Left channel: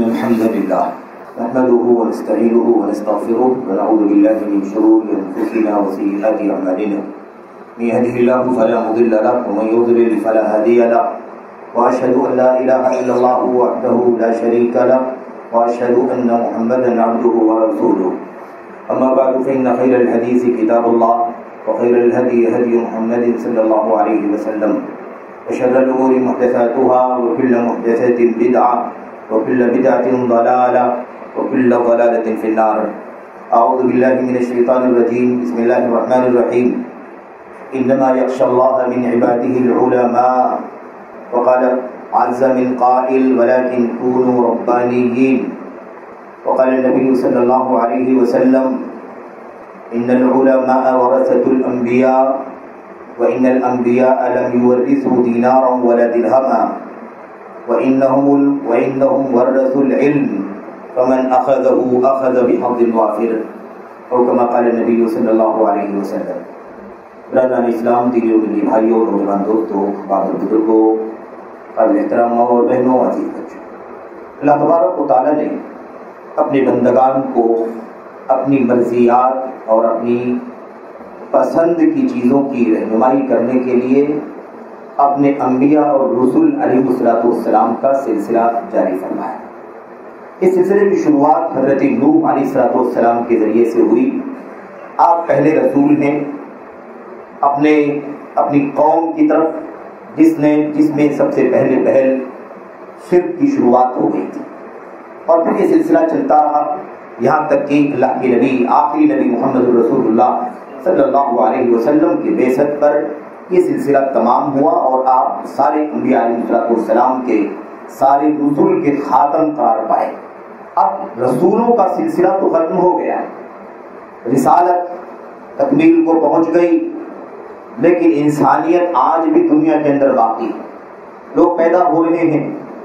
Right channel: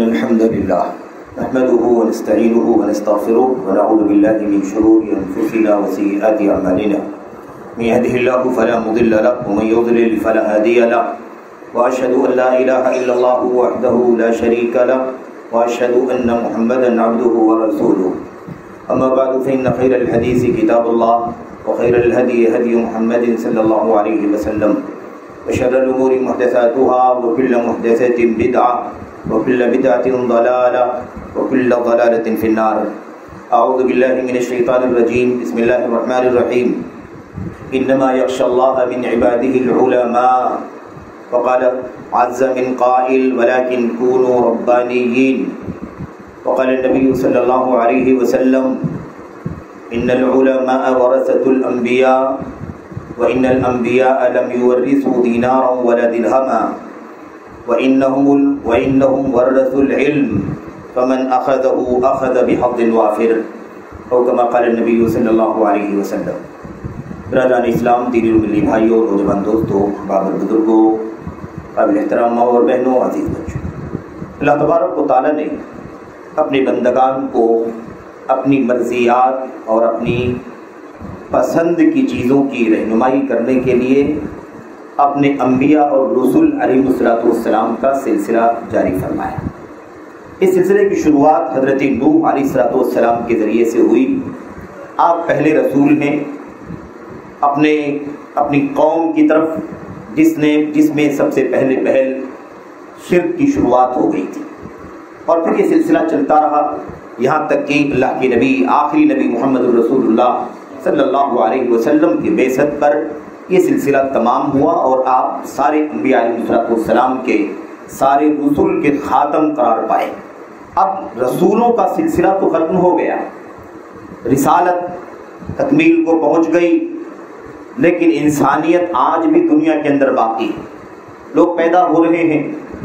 إن الحمد لله نحمده ونستعينه ونستغفره ونعوذ بالله من شرور أنفسنا وسيئات أعمالنا من يهده الله فلا مضل له ومن يضلل فلا هادي له وأشهد أن لا إله إلا الله وحده لا شريك له وأشهد أن محمدا عبده ورسوله أما بعد فإن خير الحديث كتاب الله وخير الهدي هدي محمد صلى الله عليه وسلم وشر الأمور محدثاتها وكل محدثة بدعة وكل بدعة ضلالة وكل ضلالة في النار. أعوذ بالله من الشيطان الرجيم. بسم الله الرحمن الرحيم. إنما يخشى الله من عباده العلماء. وقال عز من قائل ولكن كونوا ربانيين. وقال النبي صلى الله عليه وسلم إن العلماء ورثة الأنبياء وإن الأنبياء لم يورثوا دينارا ولا درهما وإنهم ورثوا العلم فمن أخذه أخذ بحظ وافر أو كما قال النبي صلی اللہ علیہ وسلم. برادران اسلام، دینی اور ملی بھائیوں، نوجوان دوستوں، بابر بزرگوں، قابل احترام ماں اور بہنوں، عزیز بچوں، اللہ تبارک و تعالیٰ نے اپنے بندگان کو اپنی مرضیات اور اپنی پسند کی چیزوں کی رہنمائی کرنے کے لیے اپنے انبیاء اور رسول علیہ السلام کا سلسلہ جاری فرمایا. اس سلسلے کی شروعات حضرت نوح علیہ السلام کے ذریعے سے ہوئی. آپ پہلے رسول ہیں اپنی قوم کی طرف جس میں سب سے پہل شرک کی شروعات ہو گئی تھی، اور پھر یہ سلسلہ چلتا رہا یہاں تک کہ اللہ کے نبی، آخری نبی محمد رسول اللہ صلی اللہ علیہ وسلم کی بعثت پر یہ سلسلہ تمام ہوا اور آپ سارے انبیاء علیہ السلام کے سارے رسول کے خاتم قرار پائے. اب رسولوں کا سلسلہ تو ختم ہو گیا، رسالت تکمیل کو پہنچ گئی، لیکن انسانیت آج بھی دنیا کے اندر باقی ہے. لوگ پیدا ہو رہے ہیں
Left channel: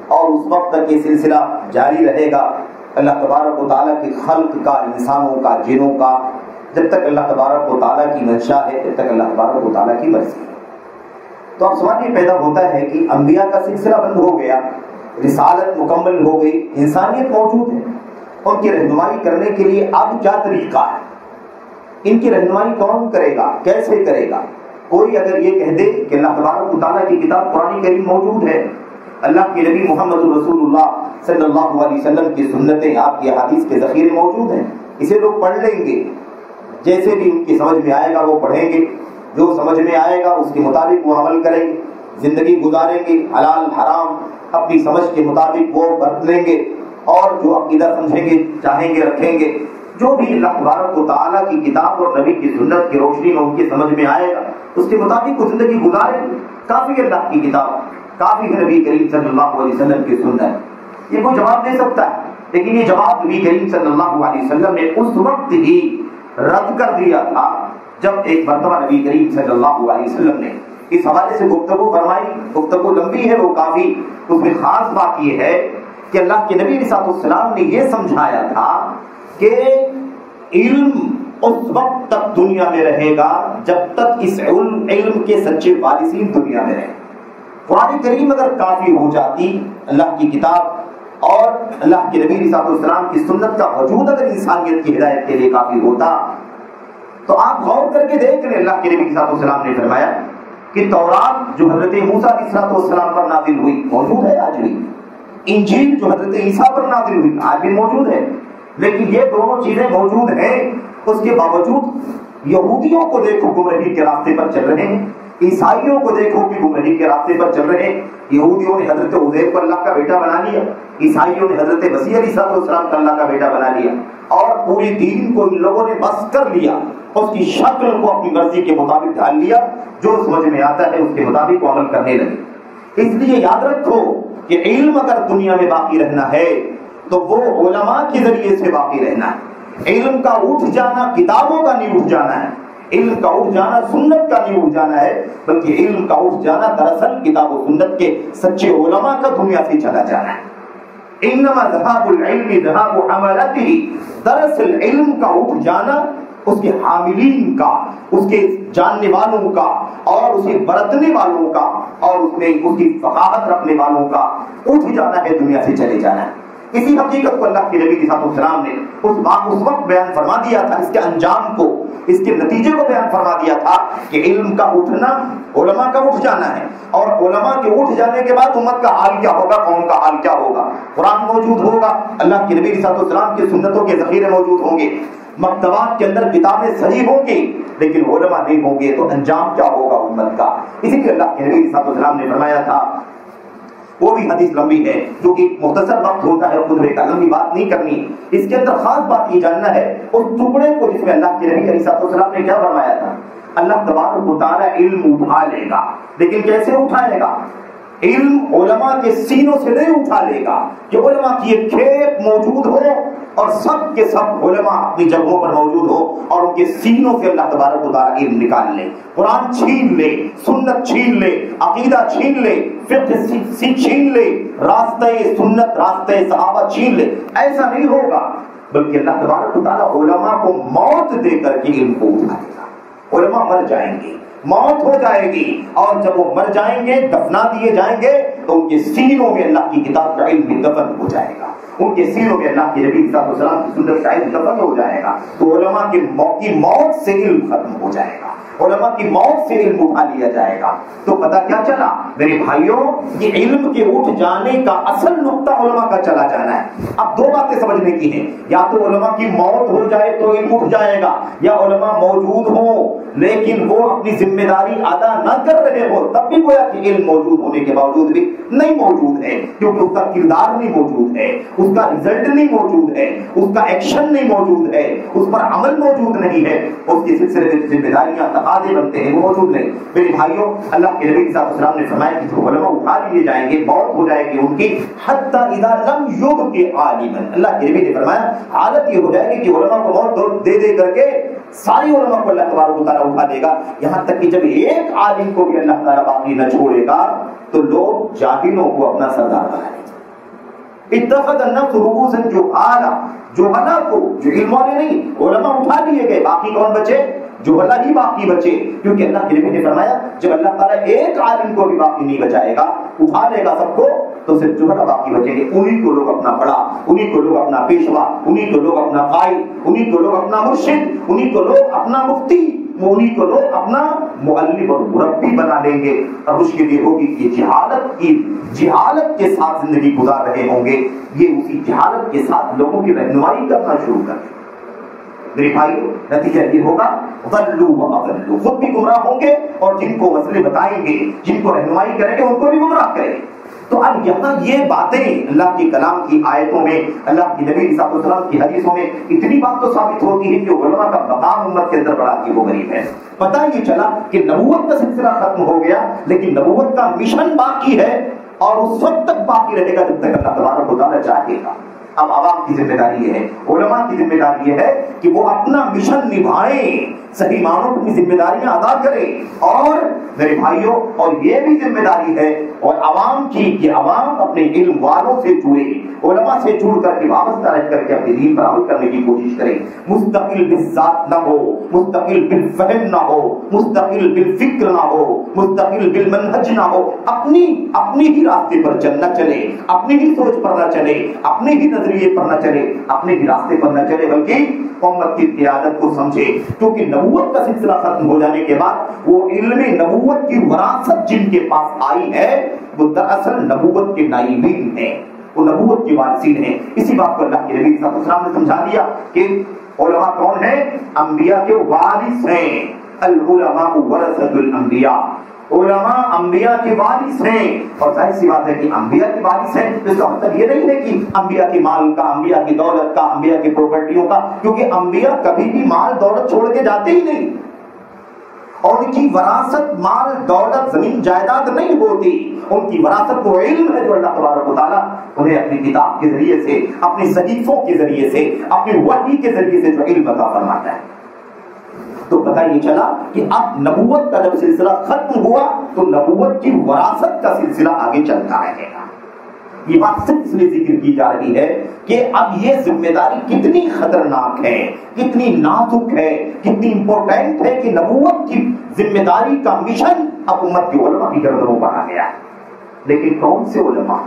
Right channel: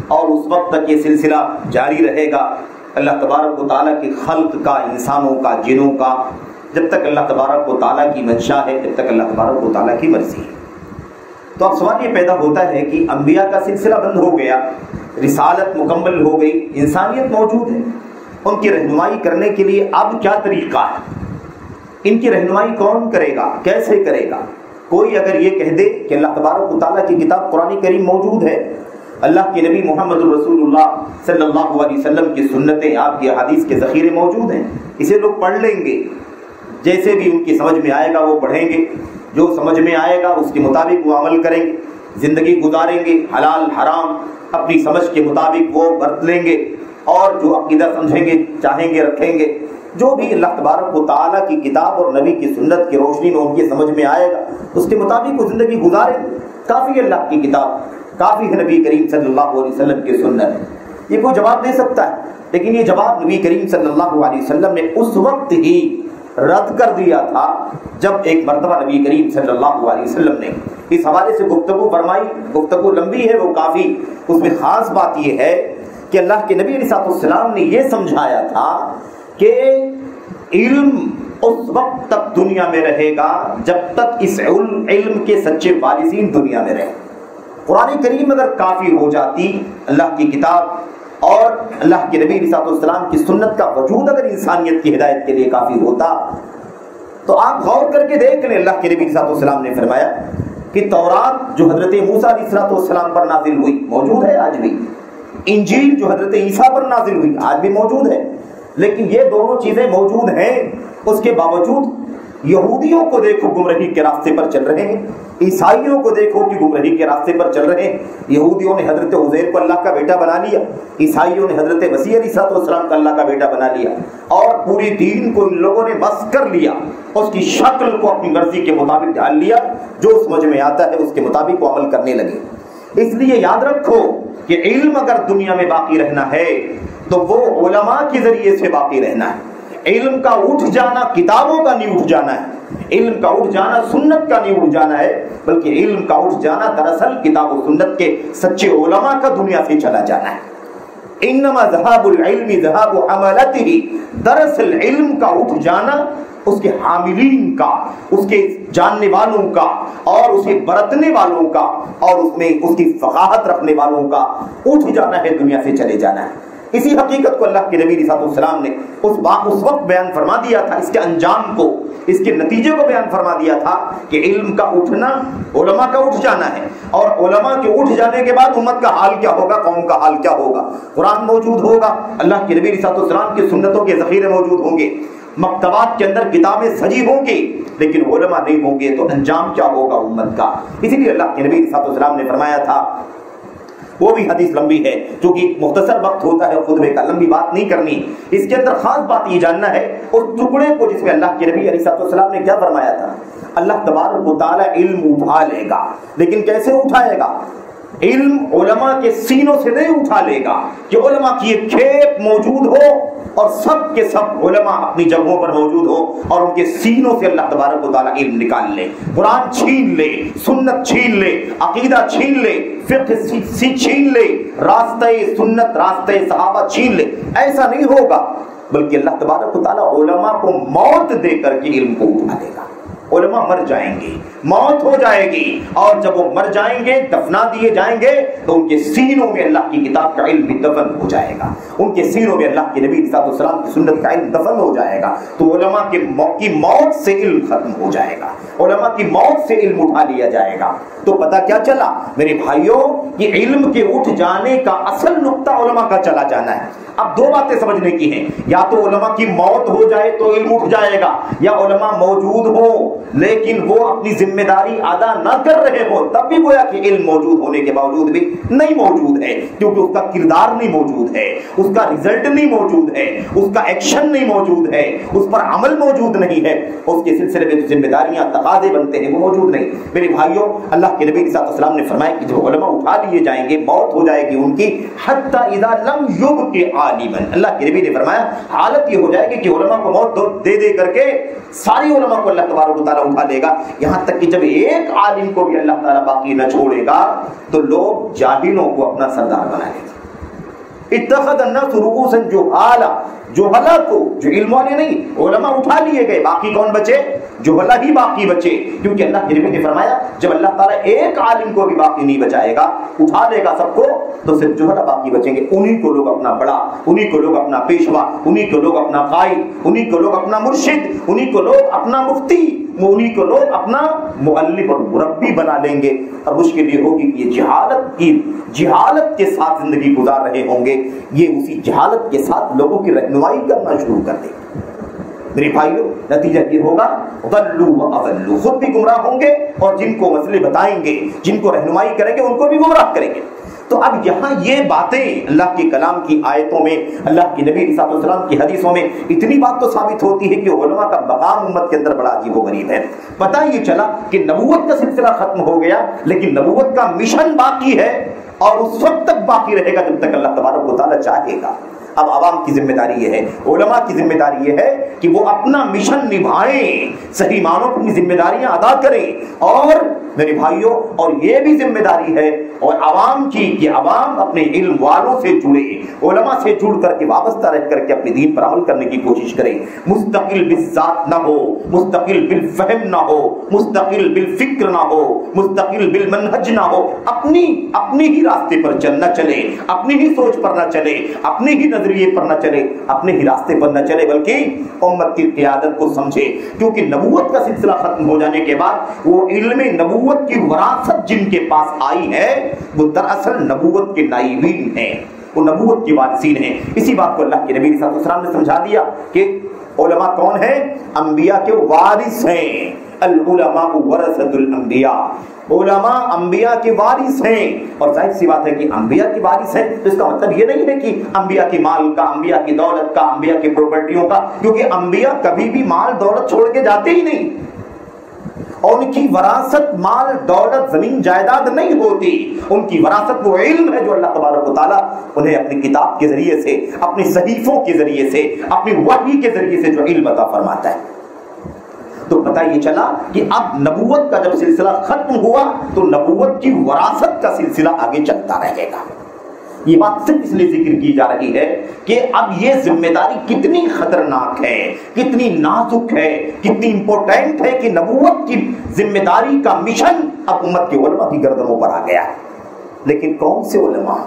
اور اس وقت تک یہ سلسلہ جاری رہے گا. اللہ تبارک و تعالیٰ کی خلق کا، انسانوں کا، جنوں کا، جب تک اللہ تبارک و تعالیٰ کی منشا ہے، جب تک اللہ تبارک و تعالیٰ کی مرضی ہے. تو اب سوال یہ پیدا ہوتا ہے کہ انبیاء کا سلسلہ بند ہو گیا، رسالت مکمل ہو گئی، انسانیت موجود ہے، ان کی رہنمائی کرنے کے لیے اب کیا طریقہ ہے؟ ان کی رہنمائی کون کرے گا؟ کیسے کرے گا؟ کوئی اگر یہ کہہ دے کہ اللہ تبارک و تعالیٰ کی کتاب قرآن کریم موجود ہے، اللہ کے نبی محمد رسول اللہ صلی اللہ علیہ وسلم کی سنتیں، آپ کی احادیث کے ذخیرے موجود ہیں، اسے لوگ پڑھ لیں گے، جیسے بھی ان کی سمجھ میں آئے گا وہ پڑھیں گے، جو سمجھ میں آئے گا اس کے مطابق وہ عمل کریں گے، زندگی گزاریں گے، حلال حرام اپنی سمجھ کے مطابق وہ برت لیں گے، اور جو عقیدہ سمجھیں گے، چاہیں گے، رکھیں گے، جو بھی اللہ تبارک و تعالیٰ کی کتاب اور نبی کی سنت کی روشنی میں ان کی سمجھ میں آئے گا اس کے مطابق وہ زندگی گزاریں گے. کافی ہے اللہ کی کتاب، کافی ہے نبی کریم صلی اللہ علیہ وسلم کی سنت. یہ کوئی جواب دے سکتا ہے، لیکن یہ جواب نبی کریم صلی اللہ علیہ وسلم نے اس وقت ہی رد کر دیا تھا جب ایک مرتبہ نبی کریم صلی اللہ علیہ وسلم نے اس حوالے سے گفتگو فرمائی. گفتگو لمبی ہے وہ کافی، اس میں خاص بات یہ ہے کہ اللہ کے نبی علیہ السلام نے یہ سمجھایا تھا کہ علم اس وقت تک دنیا میں رہے گا جب تک اس علم کے سچے وارثین دنیا میں رہیں. قرآن کریم اگر کافی ہو جاتی، اللہ کی کتاب اور اللہ کے نبی علیہ السلام کی سنت کا وجود اگر انسانیت کی ہدایت کے لیے کافی ہوتا، تو آپ غور کر کے دیکھ لیں. اللہ کے نبی علیہ السلام نے فرمایا کہ تورات جو حضرت موسیٰ علیہ السلام پر نازل ہوئی موجود ہے آج بھی، انجیل جو حضرت عیسیٰ پر نازل ہوئی آج بھی موجود ہے. لیکن یہ دونوں چیزیں موجود ہیں، اس کے باوجود یہودیوں کو دیکھو گمراہی کے راستے پر چل رہے ہیں، عیسائیوں کو دیکھو کہ گمراہی کے راستے پر چل رہے ہیں. یہودیوں نے حضرت عزیر کو اللہ کا بیٹا بنا لیا، عیسائیوں نے حضرت مسیح علیہ السلام کا اللہ کا بیٹا بنا لیا، اور پوری دین کو ان لوگوں نے بس کر لیا، اس کی شکل کو اپنی مرضی کے مطابق ڈال لیا، جو سمجھ میں آتا ہے اس کے مطابق وہ عمل کرنے لگے. اس لیے یاد رکھو کہ علم اگر دنیا میں باقی رہنا ہے تو وہ علماء کے ذریعے سے باقی رہنا ہے. علم کا اٹھ جانا کتابوں کا نہیں اٹھ جانا ہے، علم کا اٹھ جانا سنت کا نہیں اٹھ جانا ہے، بلکہ علم کا اٹھ جانا دراصل کتاب و سنت کے سچے علماء کا دنیا سے چلا جانا ہے. انما ذهاب العلم ذهاب عملته، دراصل علم کا اٹھ جانا اس کے حاملین کا، اس کے جاننے والوں کا اور اسے برتنے والوں کا اور اس میں اس کی فقاہت رکھنے والوں کا اٹھ جانا ہے، دنیا سے چلے جانا ہے. اسی حقیقت کو اللہ کے نبی صلی اللہ علیہ وسلم نے اس وقت بیان فرما دیا تھا، اس کے انجام کو، اس کے نتیجے کو بیان فرما دیا تھا کہ علم کا اٹھنا، علماء کا اٹھ جانا ہے، اور علماء کے اٹھ جانے کے بعد امت کا حال کیا ہوگا، قوم کا حال کیا ہوگا۔ قرآن موجود ہوگا، اللہ کے نبی صلی اللہ علیہ وسلم کی سنتوں کے ذخیرے موجود ہوں گے، مکتبات کے اندر کتابیں سجی ہوں گی، لیکن علماء نہیں ہوں گے تو انجام کیا ہوگا امت کا۔ اسی لیے اللہ کے نبی صلی اللہ علیہ وسلم نے فرمایا تھا، وہ بھی حدیث لمبی ہے کیونکہ مختصر وقت ہوتا ہے خطبے کا، لمبی بات نہیں کرنی، اس کے اندر خاص بات یہ جاننا ہے اس ٹکڑے کو جس میں اللہ کے نبی علیہ السلام نے کیا فرمایا تھا۔ اللہ تبارک و تعالی علم اٹھا لے گا، لیکن کیسے اٹھائے گا؟ علم علماء کے سینوں سے نہیں اٹھا لے گا کہ علماء کی ایک کھیپ موجود ہو اور سب کے سب علماء اپنی جگہوں پر موجود ہو اور ان کے سینوں سے اللہ تبارک و تعالی علم نکال لے، قرآن چھین لے، سنت چھین لے، عقیدہ چھین لے، فقہ چھین لے، راستہ سنت راستہ صحابہ چھین لے، ایسا نہیں ہوگا، بلکہ اللہ تبارک و تعالی علماء کو موت دے کر کے علم کو اٹھا لے گا۔ علماء مر جائیں گے، موت ہو جائے گی، اور جب وہ مر جائیں گے، دفنا دیے جائیں گے، تو ان کے سینوں میں اللہ کی کتاب کا علم بھی دفن ہو جائے گا، ان کے سینوں میں اللہ کے نبی صلی اللہ علیہ وسلم کی سنت کا علم دفن ہو جائے گا، تو علماء کی موت سے علم ختم ہو جائے گا، علماء کی موت سے علم اٹھا لیا جائے گا۔ تو پتہ کیا چلا میرے بھائیوں، یہ علم کے اٹھ جانے کا اصل نقطہ علماء کا چلا جانا ہے۔ اب دو باتیں سمجھنے کی ہیں، یا تو علماء کی موت ہو جائے تو علم اٹھ جائے گا، یا علماء موجود ہوں لیکن وہ اپنی ذمہ داری ادا نہ کر رہے ہو، تب بھی گویا کہ علم موجود ہونے کے باوجود بھی نہیں موجود ہے، کیونکہ اس کا کردار نہیں موجود ہے، اس کا رزلٹ نہیں موجود ہے، اس کا ایکشن نہیں موجود ہے، اس پر عمل موجود نہیں ہے، اس کے سلسلے میں ذمہ داریاں تقاضے بنتے ہیں وہ موجود نہیں۔ میرے بھائیوں، اللہ کے نبی صلی اللہ علیہ وسلم نے فرمایا کہ جو علماء اٹھا لیے جائیں گے، موت ہو جائے گی ان کی، حتی اذا لم یبق عالما، اللہ کے نبی نے فرمایا حالت یہ ہو جائے گی کہ علماء کو موت دے دے کر کے ساری علماء کو اللہ تبارک و تعالیٰ اٹھا لے گا، یہاں تک کہ جب ایک عالم کو بھی اللہ تعالیٰ باقی نہ چھوڑے گا تو لوگ جاہلوں کو اپنا سردار بنائیں گے۔ اتخذ الناس رؤوسا جہالا، جہلا کو، جو علم والے نہیں، علماء اٹھا لیے گئے، باقی کون بچے؟ جہلا ہی باقی بچے، کیونکہ اللہ کے نبی نے فرمایا جب اللہ تعالیٰ ایک عالم کو بھی باقی نہیں بچائے گا، اٹھا لے گا سب کو، تو صرف جہلا باقی بچیں گے، انہی کو لوگ اپنا بڑا، انہی کو لوگ اپنا پیشوا، انہی کو لوگ اپنا قائد، انہی کو لوگ اپنا مرشد، انہی کو لوگ اپنا مفتی، انہی کو لوگ اپنا معلم اور مربی بنا لیں گے۔ اور مشکل یہ ہوگی کہ جہالت کے ساتھ زندگی گزار رہے ہوں گے، یہ اسی جہالت کے ساتھ لوگوں کی رہنمائی کرنا شروع کر دیں گے۔ میرے بھائیوں، نتیجہ یہ ہوگا ضلوا واضلوا، خود بھی گمراہ ہوں گے اور جن کو مسئلے بتائیں گے، جن کو رہنمائی کریں گے، ان کو بھی گمراہ کریں گے۔ تو اب یہاں یہ باتیں اللہ کے کلام کی آیتوں میں، اللہ کے نبی صلی اللہ علیہ وسلم کی حدیثوں میں اتنی بات تو ثابت ہوتی ہے کہ علماء کا مقام امت کے اندر بڑا عجیب و غریب ہے۔ پتہ یہ چلا کہ نبوت کا سلسلہ ختم ہو گیا، لیکن نبوت کا مشن باقی ہے، اور اس وقت تک باقی رہے گا جب تک اللہ تبارک و تعالیٰ چاہے گا۔ اب عوام کی ذمہ داری یہ ہے، علماء کی ذمہ داری یہ ہے کہ وہ اپنا مشن نبھائیں، صحیح معنوں میں اپنی ذمہ داریاں ادا کریں، اور میرے بھائیوں، اور یہ بھی ذمہ داری ہے اور عوام کی کہ عوام اپنے علم والوں سے جڑے، علماء سے جڑ کر کے وابستہ رہ کر کے اپنے دین پر عمل کرنے کی کوشش کریں، مستقل بالذات نہ ہو، مستقل بالفہم نہ ہو، مستقل بالفکر نہ ہو، مستقل بالمنہج نہ ہو، اپنی ہی راستے پر نہ چلے، اپنی ہی سوچ پر نہ چلے، اپنے ہی نظریے پر نہ چلے، اپنے ہی راستے پر نہ چلے، بلکہ امت کی قیادت کو سمجھے، کیونکہ نبوت کا سلسلہ ختم ہو جانے کے بعد وہ علم نبوت کی وراثت جن کے پاس آئی ہے وہ دراصل نبوت کے نائبین ہیں، وہ نبوت کے وارثین ہیں۔ اسی بات کو اللہ کے نبی صلی اللہ علیہ وسلم نے سمجھا دیا کہ علماء کون ہیں؟ انبیاء کے وارث ہیں، العلماء ورثۃ الانبیاء، علماء انبیاء کے وارث ہیں۔ اور ظاہر سی بات ہے کہ انبیاء کے وارث ہیں تو اس کا مطلب یہ نہیں ہے کہ انبیاء کے مال کا، انبیاء کی دولت کا، انبیاء کی پراپرٹیوں کا، کیونکہ انبیاء کبھی بھی مال دولت چھوڑ کے جاتے ہی نہیں، اور ان کی وراثت مال دولت زمین جائیداد نہیں ہوتی، ان کی وراثت وہ علم ہے جو اللہ تبارک و تعالیٰ انہیں اپنی کتاب کے ذریعے سے، اپنی صحیفوں کے ذریعے سے، اپنی وحی کے ذریعے سے جو علم عطا فرماتا ہے۔ تو پتہ یہ چلا کہ اب نبوت کا جب سلسلہ ختم ہوا تو نبوت کی وراثت کا سلسلہ آگے چلتا رہے گا۔ یہ بات صرف اس لیے ذکر کی جا رہی ہے کہ اب یہ ذمہ داری کتنی خطرناک ہے، کتنی نازک ہے، کتنی امپورٹنٹ ہے کہ نبوت کی ذمہ داری کا مشن اب امت کے علماء کی گردنوں پر آ گیا ہے۔ لیکن کون سے علماء؟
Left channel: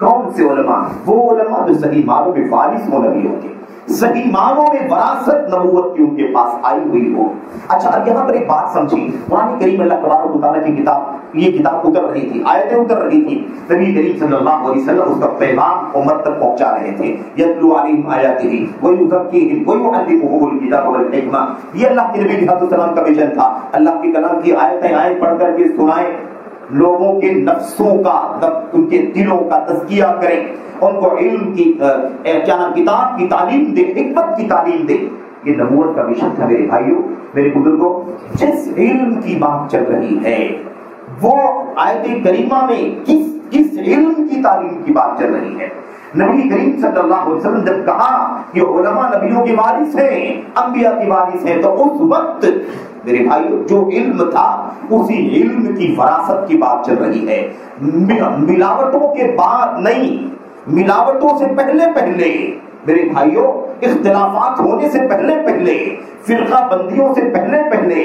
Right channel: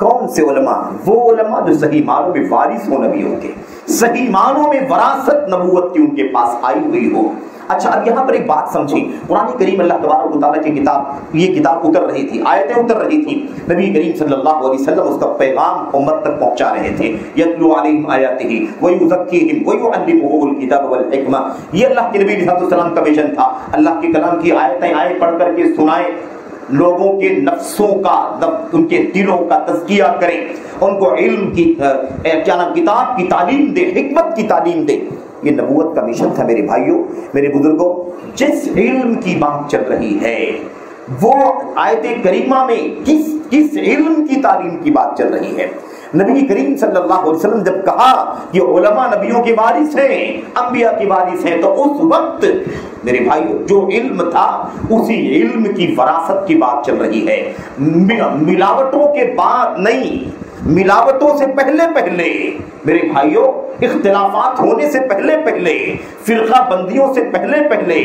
کون سے علماء؟ وہ علماء جو صحیح معنوں میں وارث ہو نبیوں کے، صحیح معنوں میں وراثت نبوت کی ان کے پاس آئی ہوئی ہو۔ اچھا اب یہاں پر ایک بات سمجھیں، قرآن کریم اللہ تبارک و تعالیٰ کی کتاب، یہ کتاب اتر رہی تھی، آیتیں اتر رہی تھیں، نبی کریم صلی اللہ علیہ وسلم اس کا پیغام امت تک پہنچا رہے تھے۔ یتلو علیہم آیاتہ ویزکیہم ویعلمہم الکتاب والحکمہ، یہ اللہ کے نبی علیہ السلام کا مشن تھا، اللہ کے کلام کی آیتیں پڑھ کر کے سنائیں، لوگوں کے نفسوں کا، ان کے دلوں کا تزکیہ کریں، ان کو علم کی کتاب کی تعلیم دے، حکمت کی تعلیم دے۔ یہ نبوت کا مشن تھا میرے بھائیوں، میرے بزرگوں۔ جس علم کی بات چل رہی ہے وہ آیت کریمہ میں کس علم کی تعلیم کی بات چل رہی ہے؟ نبی کریم صلی اللہ علیہ وسلم جب کہا کہ علماء نبیوں کے وارث ہیں، انبیاء کے وارث ہیں، تو اس وقت میرے بھائیو جو علم تھا اسی علم کی وراثت کی بات چل رہی ہے، ملاوٹوں کے بعد نہیں، ملاوٹوں سے پہلے میرے بھائیو، اختلافات ہونے سے پہلے، فرقہ بندیوں سے پہلے،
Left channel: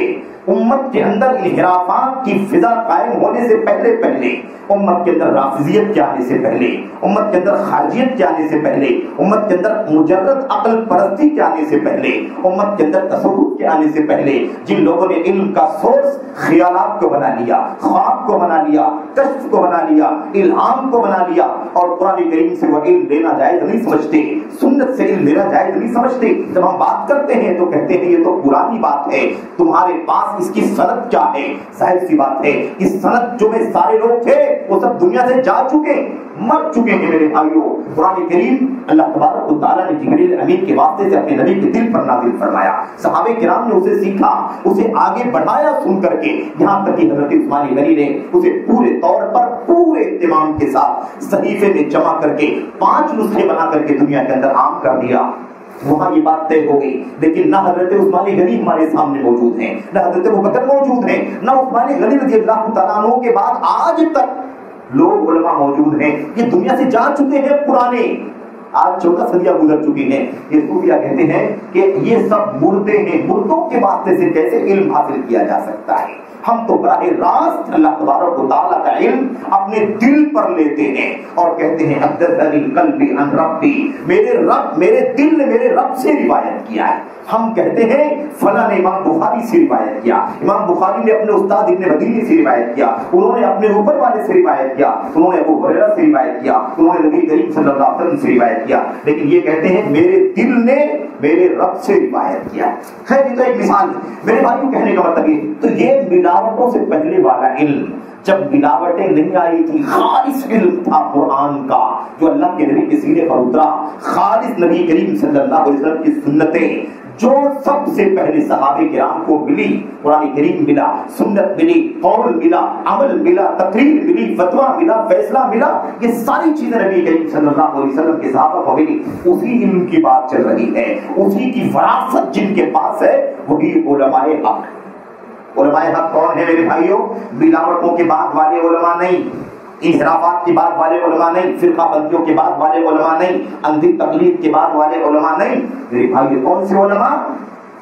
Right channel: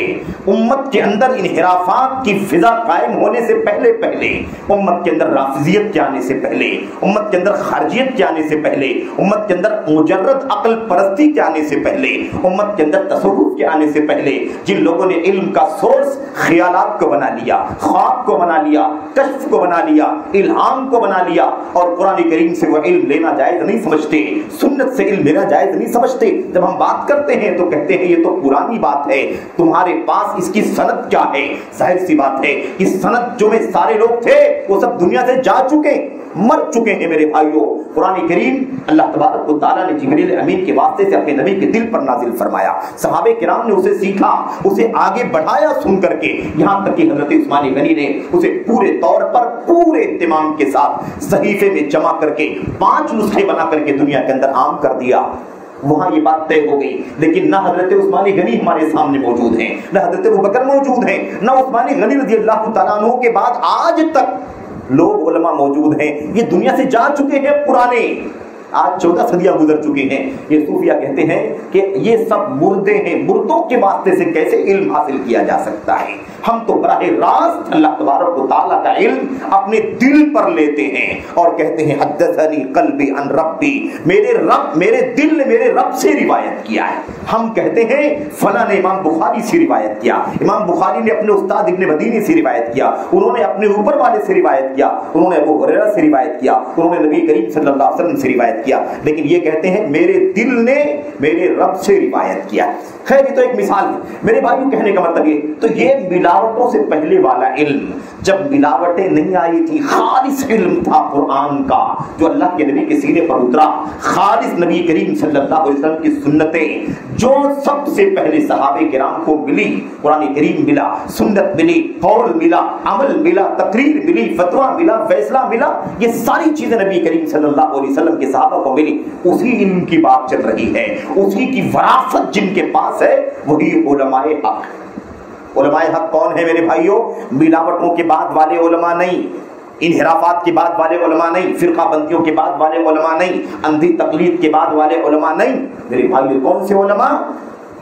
امت کے اندر انحرافات کی فضا قائم ہونے سے پہلے، امت کے اندر رافضیت کے آنے سے پہلے، امت کے اندر خارجیت کے آنے سے پہلے، امت کے اندر مجرد عقل پرستی کے آنے سے پہلے، امت کے اندر تصوف کے آنے سے پہلے، جن لوگوں نے علم کا سورس خیالات کو بنا لیا، خواب کو بنا لیا، کشف کو بنا لیا، الہام کو بنا لیا، اور قرآن کریم سے وہ علم لینا جائز نہیں سمجھتے، سنت سے علم لینا جائز نہیں سمجھتے۔ جب ہم بات کرتے ہیں تو کہتے ہیں یہ تو پرانی بات ہے، تمہارے پاس اس کی سند کیا ہے؟ ظاہر سی بات ہے اس سند جو میں سارے لوگ تھے وہ سب دنیا سے جا چکے، مر چکے ہیں میرے بھائیوں۔ قرآن کریم اللہ تبارک و تعالیٰ نے جبریل امین کے واسطے سے اپنے نبی کے دل پر نازل فرمایا، صحابہ کرام نے اسے سیکھا، اسے آگے بڑھایا سن کر کے، یہاں تک کہ حضرت عثمان غنی نے اسے پورے طور پر پورے اہتمام کے ساتھ صحیفے میں جمع کر کے 5 نسخے بنا کر کے دنیا کے اندر عام کر دیا۔ وہاں یہ بات طے ہو گئی، لیکن نہ حضرت عثمان غنی ہمارے سامنے موجود ہیں، نہ حضرت ابوبکر موجود ہیں، نہ عثمان غنی رضی اللہ تعالیٰ عنہ کے بعد آج تک لوگ علماء موجود ہیں، یہ دنیا سے جا چکے ہیں، پرانے، آج 14 صدیاں گزر چکی ہیں۔ یہ صوفیہ کہتے ہیں کہ یہ سب مردے ہیں، مردوں کے واسطے سے کیسے علم حاصل کیا جا سکتا ہے؟ ہم تو براہ راست اللہ تبارک و تعالیٰ کا علم اپنے دل پر لیتے ہیں اور کہتے ہیں حدثنی قلبی عن ربی، میرے دل نے میرے رب سے روایت کیا ہے۔ ہم کہتے ہیں فلاں نے امام بخاری سے روایت کیا، امام بخاری نے اپنے استاد ابن مدینی سے روایت کیا، انہوں نے اپنے اوپر والے سے روایت کیا، انہوں نے ابو ہریرہ سے روایت کیا، انہوں نے نبی کریم صلی اللہ علیہ وسلم سے روایت کیا، لیکن یہ کہتے ہیں میرے دل نے میرے رب سے روایت کیا۔ خیر یہ تو ایک مثال ہے میرے بھائیوں، کہنے کا مطلب یہ تو یہ ملاوٹوں سے پہلے والا علم، جب ملاوٹیں نہیں آئی تھی، خالص علم تھا قرآن کا جو اللہ کے نبی کے سینے پر اترا، خالص نبی کریم صلی اللہ علیہ وسلم کی سنتیں جو سب سے پہلے صحابہ کرام کو ملی، قرآن کریم ملا، سنت ملی، قول ملا، عمل ملا، تقریر ملی، فتویٰ ملا، فیصلہ ملا، یہ ساری چیزیں نبی کریم صلی اللہ علیہ وسلم کے صحابہ کو ملی۔ اسی علم کی بات چل رہی ہے، اسی کی وراثت جن کے پاس ہے وہی علماء حق۔ علماء حق کون ہیں میرے بھائیوں؟ ملاوٹوں کے بعد والے علماء نہیں، انحرافات کے بعد والے علماء نہیں، فرقہ بندیوں کے بعد والے علماء نہیں، اندھی تقلید کے بعد والے علماء نہیں میرے بھائیوں۔ کون سے علماء؟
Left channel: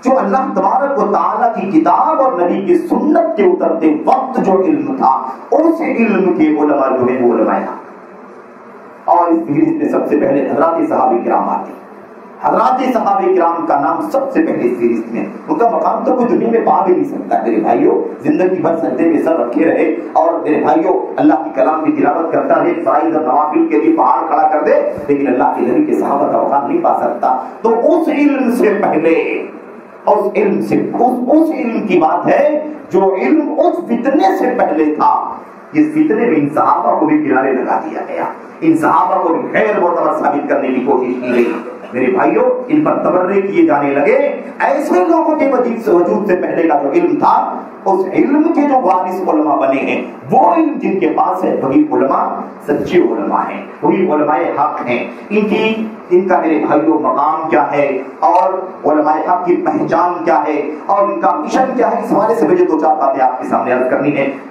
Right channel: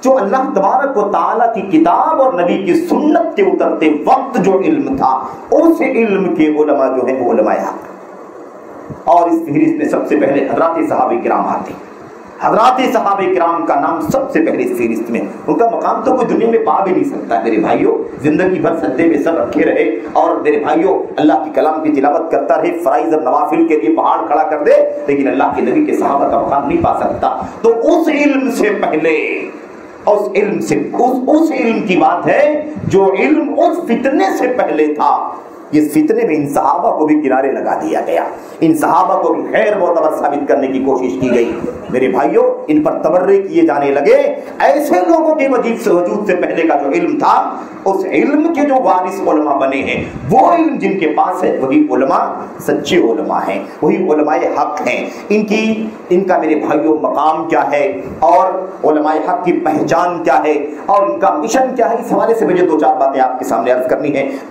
جو اللہ تبارک و تعالیٰ کی کتاب اور نبی کی سنت کے اترتے وقت جو علم تھا، اس علم کے علماء جو ہیں وہ علماء حق۔ اور اس فہرست میں سب سے پہلے حضرات صحابہ کرام آتے ہیں، حضرات صحابہ کرام کا نام سب سے پہلے اس فہرست میں، ان کا مقام تو کوئی دنیا میں پا بھی نہیں سکتا میرے بھائیوں۔ زندگی بھر سجدے میں سر رکھے رہے اور میرے بھائیوں اللہ کی کلام کی تلاوت کرتا رہے، فرائض اور نوافل کے لیے پہاڑ کھڑا کر دے، لیکن اللہ کے نبی کے صحابہ کا مقام نہیں پا سکتا۔ تو اس علم سے پہلے، اس علم کی بات ہے جو علم اس فتنے سے پہلے تھا۔ اس فتنے میں ان صحابہ کو بھی کنارے لگا دیا گیا، ان صحابہ کو بھی غیر معتبر ثابت کرنے کی کوشش کی گئی میرے بھائیوں، ان پر تبرئے کیے جانے لگے۔ ایسے لوگوں کے وجود سے پہلے کا جو علم تھا، اس علم کے جو وارث علماء بنے ہیں، وہ علم جن کے پاس ہے وہی علماء سچے علماء ہیں، وہی علماء حق ہیں۔ ان کا میرے بھائیوں مقام کیا ہے اور علماء حق کی پہچان کیا ہے اور ان کا مشن کیا ہے، اس حوالے سے مجھے 2-4 باتیں آپ کے سامنے عرض کرنی ہے۔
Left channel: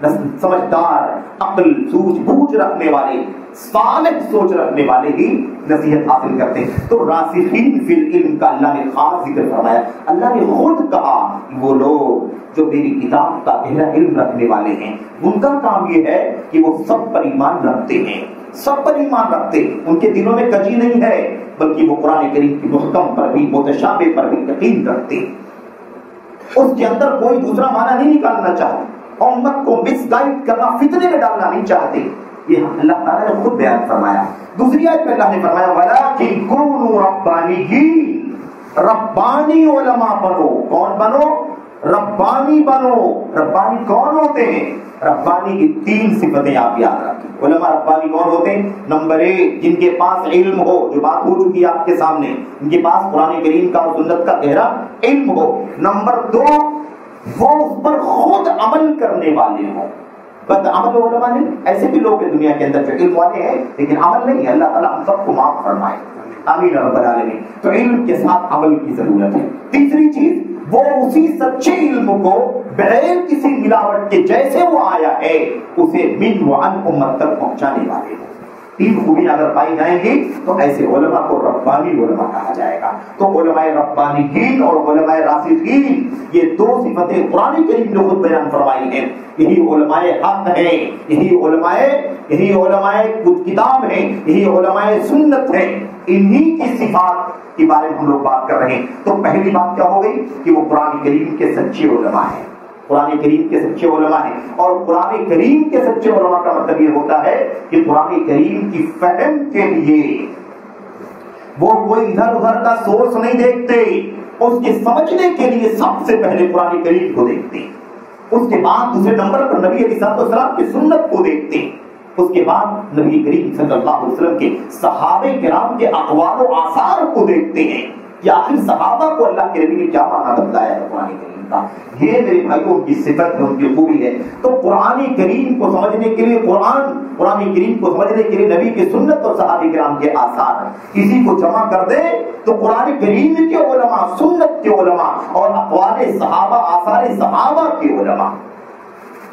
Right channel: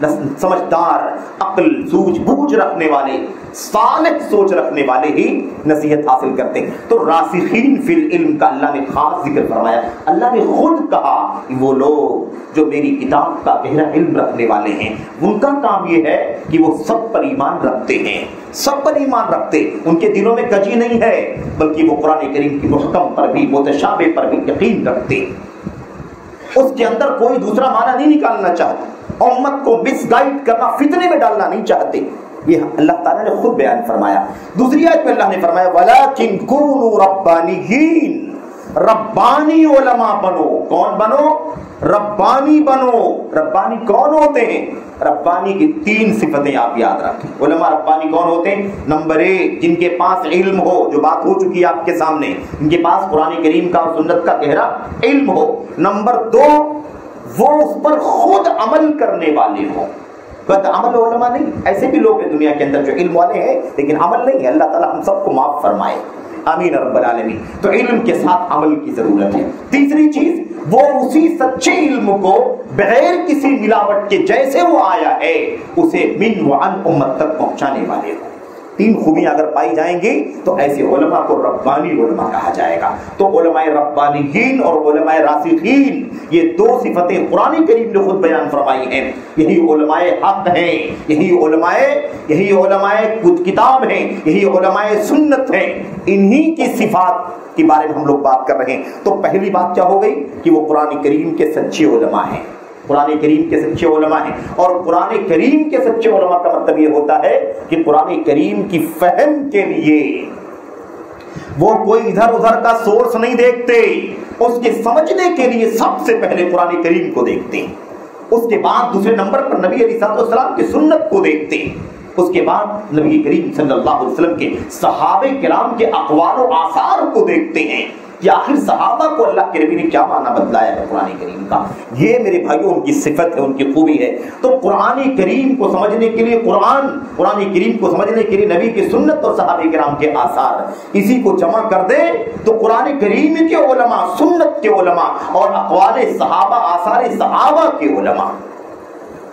سمجھدار، عقل سوجھ بوجھ رکھنے والے، صالح سوچ رکھنے والے ہی نصیحت حاصل کرتے ہیں۔ تو راسخین فی العلم کا اللہ نے خاص ذکر فرمایا۔ اللہ نے خود کہا کہ وہ لوگ جو میری کتاب کا گہرا علم رکھنے والے ہیں، ان کا کام یہ ہے کہ وہ سب پر ایمان رکھتے ہیں، سب پر ایمان رکھتے، ان کے دلوں میں کجی نہیں ہے، بلکہ وہ قرآن کریم کی محکم پر بھی متشابہ پر بھی یقین رکھتے، اس کے اندر کوئی دوسرا معنی نہیں نکالنا چاہتے، امت کو مس گائیڈ کرنا، فتنے میں ڈالنا نہیں چاہتے۔ یہ اللہ تعالیٰ نے خود بیان فرمایا۔ دوسری آیت میں اللہ نے فرمایا وَلَٰكِن كُونُوا رَبَّانِيِّينَ، ربانی علماء بنو۔ کون بنو؟ ربانی بنو۔ ربانی کون ہوتے ہیں؟ ربانی کی 3 صفتیں آپ یاد رکھیں۔ علماء ربانی کون ہوتے ہیں؟ نمبر 1 جن کے پاس علم ہو، جو بات ہو چکی ہے آپ کے سامنے، ان کے پاس قرآن کریم کا اور سنت کا گہرا علم ہو۔ نمبر 2 وہ اس پر خود عمل کرنے والے ہوں۔ بد عمل علماء نہیں، ایسے بھی لوگ ہیں دنیا کے اندر جو علم والے ہیں لیکن عمل نہیں ہے۔ اللہ تعالیٰ ہم سب کو معاف فرمائے، آمین رب العالمین۔ تو علم کے ساتھ عمل کی ضرورت ہے۔ تیسری چیز، وہ اسی سچے علم کو بغیر کسی ملاوٹ کے جیسے وہ آیا ہے اسے من وعن امت تک پہنچانے والے ہوں۔ 3 خوبیاں اگر پائی جائیں گی تو ایسے علماء کو ربانی علماء کہا جائے گا۔ تو علماء ربانیین اور علماء راسخین، یہ 2 صفتیں قرآن کریم نے خود بیان فرمائی ہیں۔ یہی علماء حق ہیں، یہی علماء کتاب ہیں، یہی علماء سنت ہیں۔ انہی کی صفات کے بارے میں ہم لوگ بات کر رہے ہیں۔ تو پہلی بات کیا ہو گئی کہ وہ قرآن کریم کے سچے علماء ہیں، قرآن کریم کے سچے علماء ہیں۔ اور قرآن کریم کے سچے علماء کا مطلب یہ ہوتا ہے کہ قرآن کریم کی فہم کے لیے وہ کوئی ادھر ادھر کا سورس نہیں دیکھتے، اس کے سمجھنے کے لیے سب سے پہلے قرآن کریم کو دیکھتے ہیں، اس کے بعد دوسرے نمبر پر نبی علیہ السلام کی سنت کو دیکھتے ہیں، اس کے بعد نبی کریم صلی اللہ علیہ وسلم کے صحابہ کرام کے اقوال و آثار کو دیکھتے ہیں کہ آخر صحابہ کو اللہ کے نبی نے کیا معنی بتلایا ہے قرآن کریم کا۔ یہ میرے بھائیوں ان کی صفت ہے، ان کی خوبی ہے۔ تو قرآن کریم کو سمجھنے کے لیے قرآن کریم کو سمجھنے کے لیے نبی کی سنت اور صحابہ کرام کے آثار، اسی کو جمع کر دے تو قرآن کریم کے علماء، سنت کے علماء اور اقوال صحابہ، آثار صحابہ کے علماء۔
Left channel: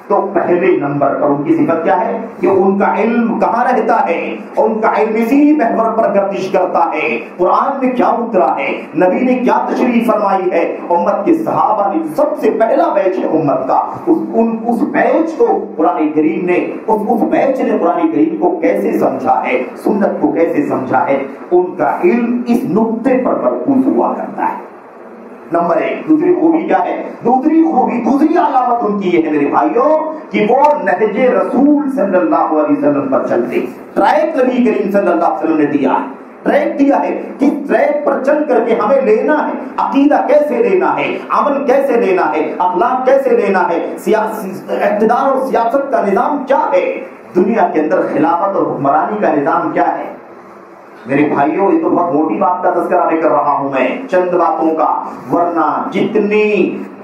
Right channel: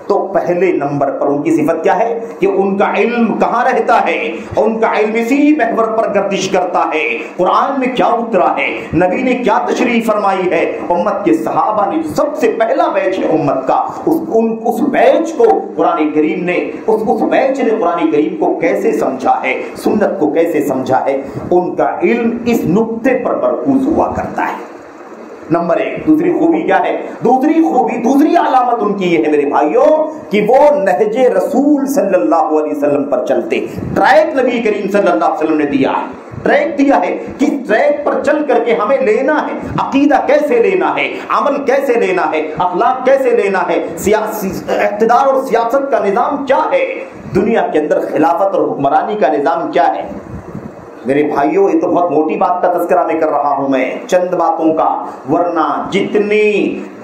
تو پہلے نمبر پر ان کی صفت کیا ہے کہ ان کا علم کہاں رہتا ہے، ان کا علم اسی محور پر گردش کرتا ہے۔ قرآن میں کیا اترا ہے، نبی نے کیا تشریح فرمائی ہے، امت کے صحابہ نے سب سے پہلا بیچ ہے امت کا، اس بیچ کو قرآن کریم نے اس بیچ نے قرآن کریم کو کیسے سمجھا ہے، سنت کو کیسے سمجھا ہے، ان کا علم اس نقطے پر مرکوز ہوا کرتا ہے۔ نمبر 1 دوسری خوبی کیا ہے؟ دوسری علامت ان کی یہ ہے میرے بھائیوں کہ وہ نہج رسول صلی اللہ علیہ وسلم پر چلتے۔ ٹریک نبی کریم صلی اللہ علیہ وسلم نے دیا ہے، ٹریک دیا ہے کہ ٹریک پر چل کر کے ہمیں لینا ہے، عقیدہ کیسے لینا ہے، عمل کیسے لینا ہے، اخلاق کیسے لینا ہے، اقتدار اور سیاست کا نظام کیا ہے، دنیا کے اندر خلافت اور حکمرانی کا نظام کیا ہے۔ میرے بھائیوں یہ تو بہت موٹی بات کا تذکرہ میں کر رہا ہوں میں، چند باتوں کا، ورنہ جتنی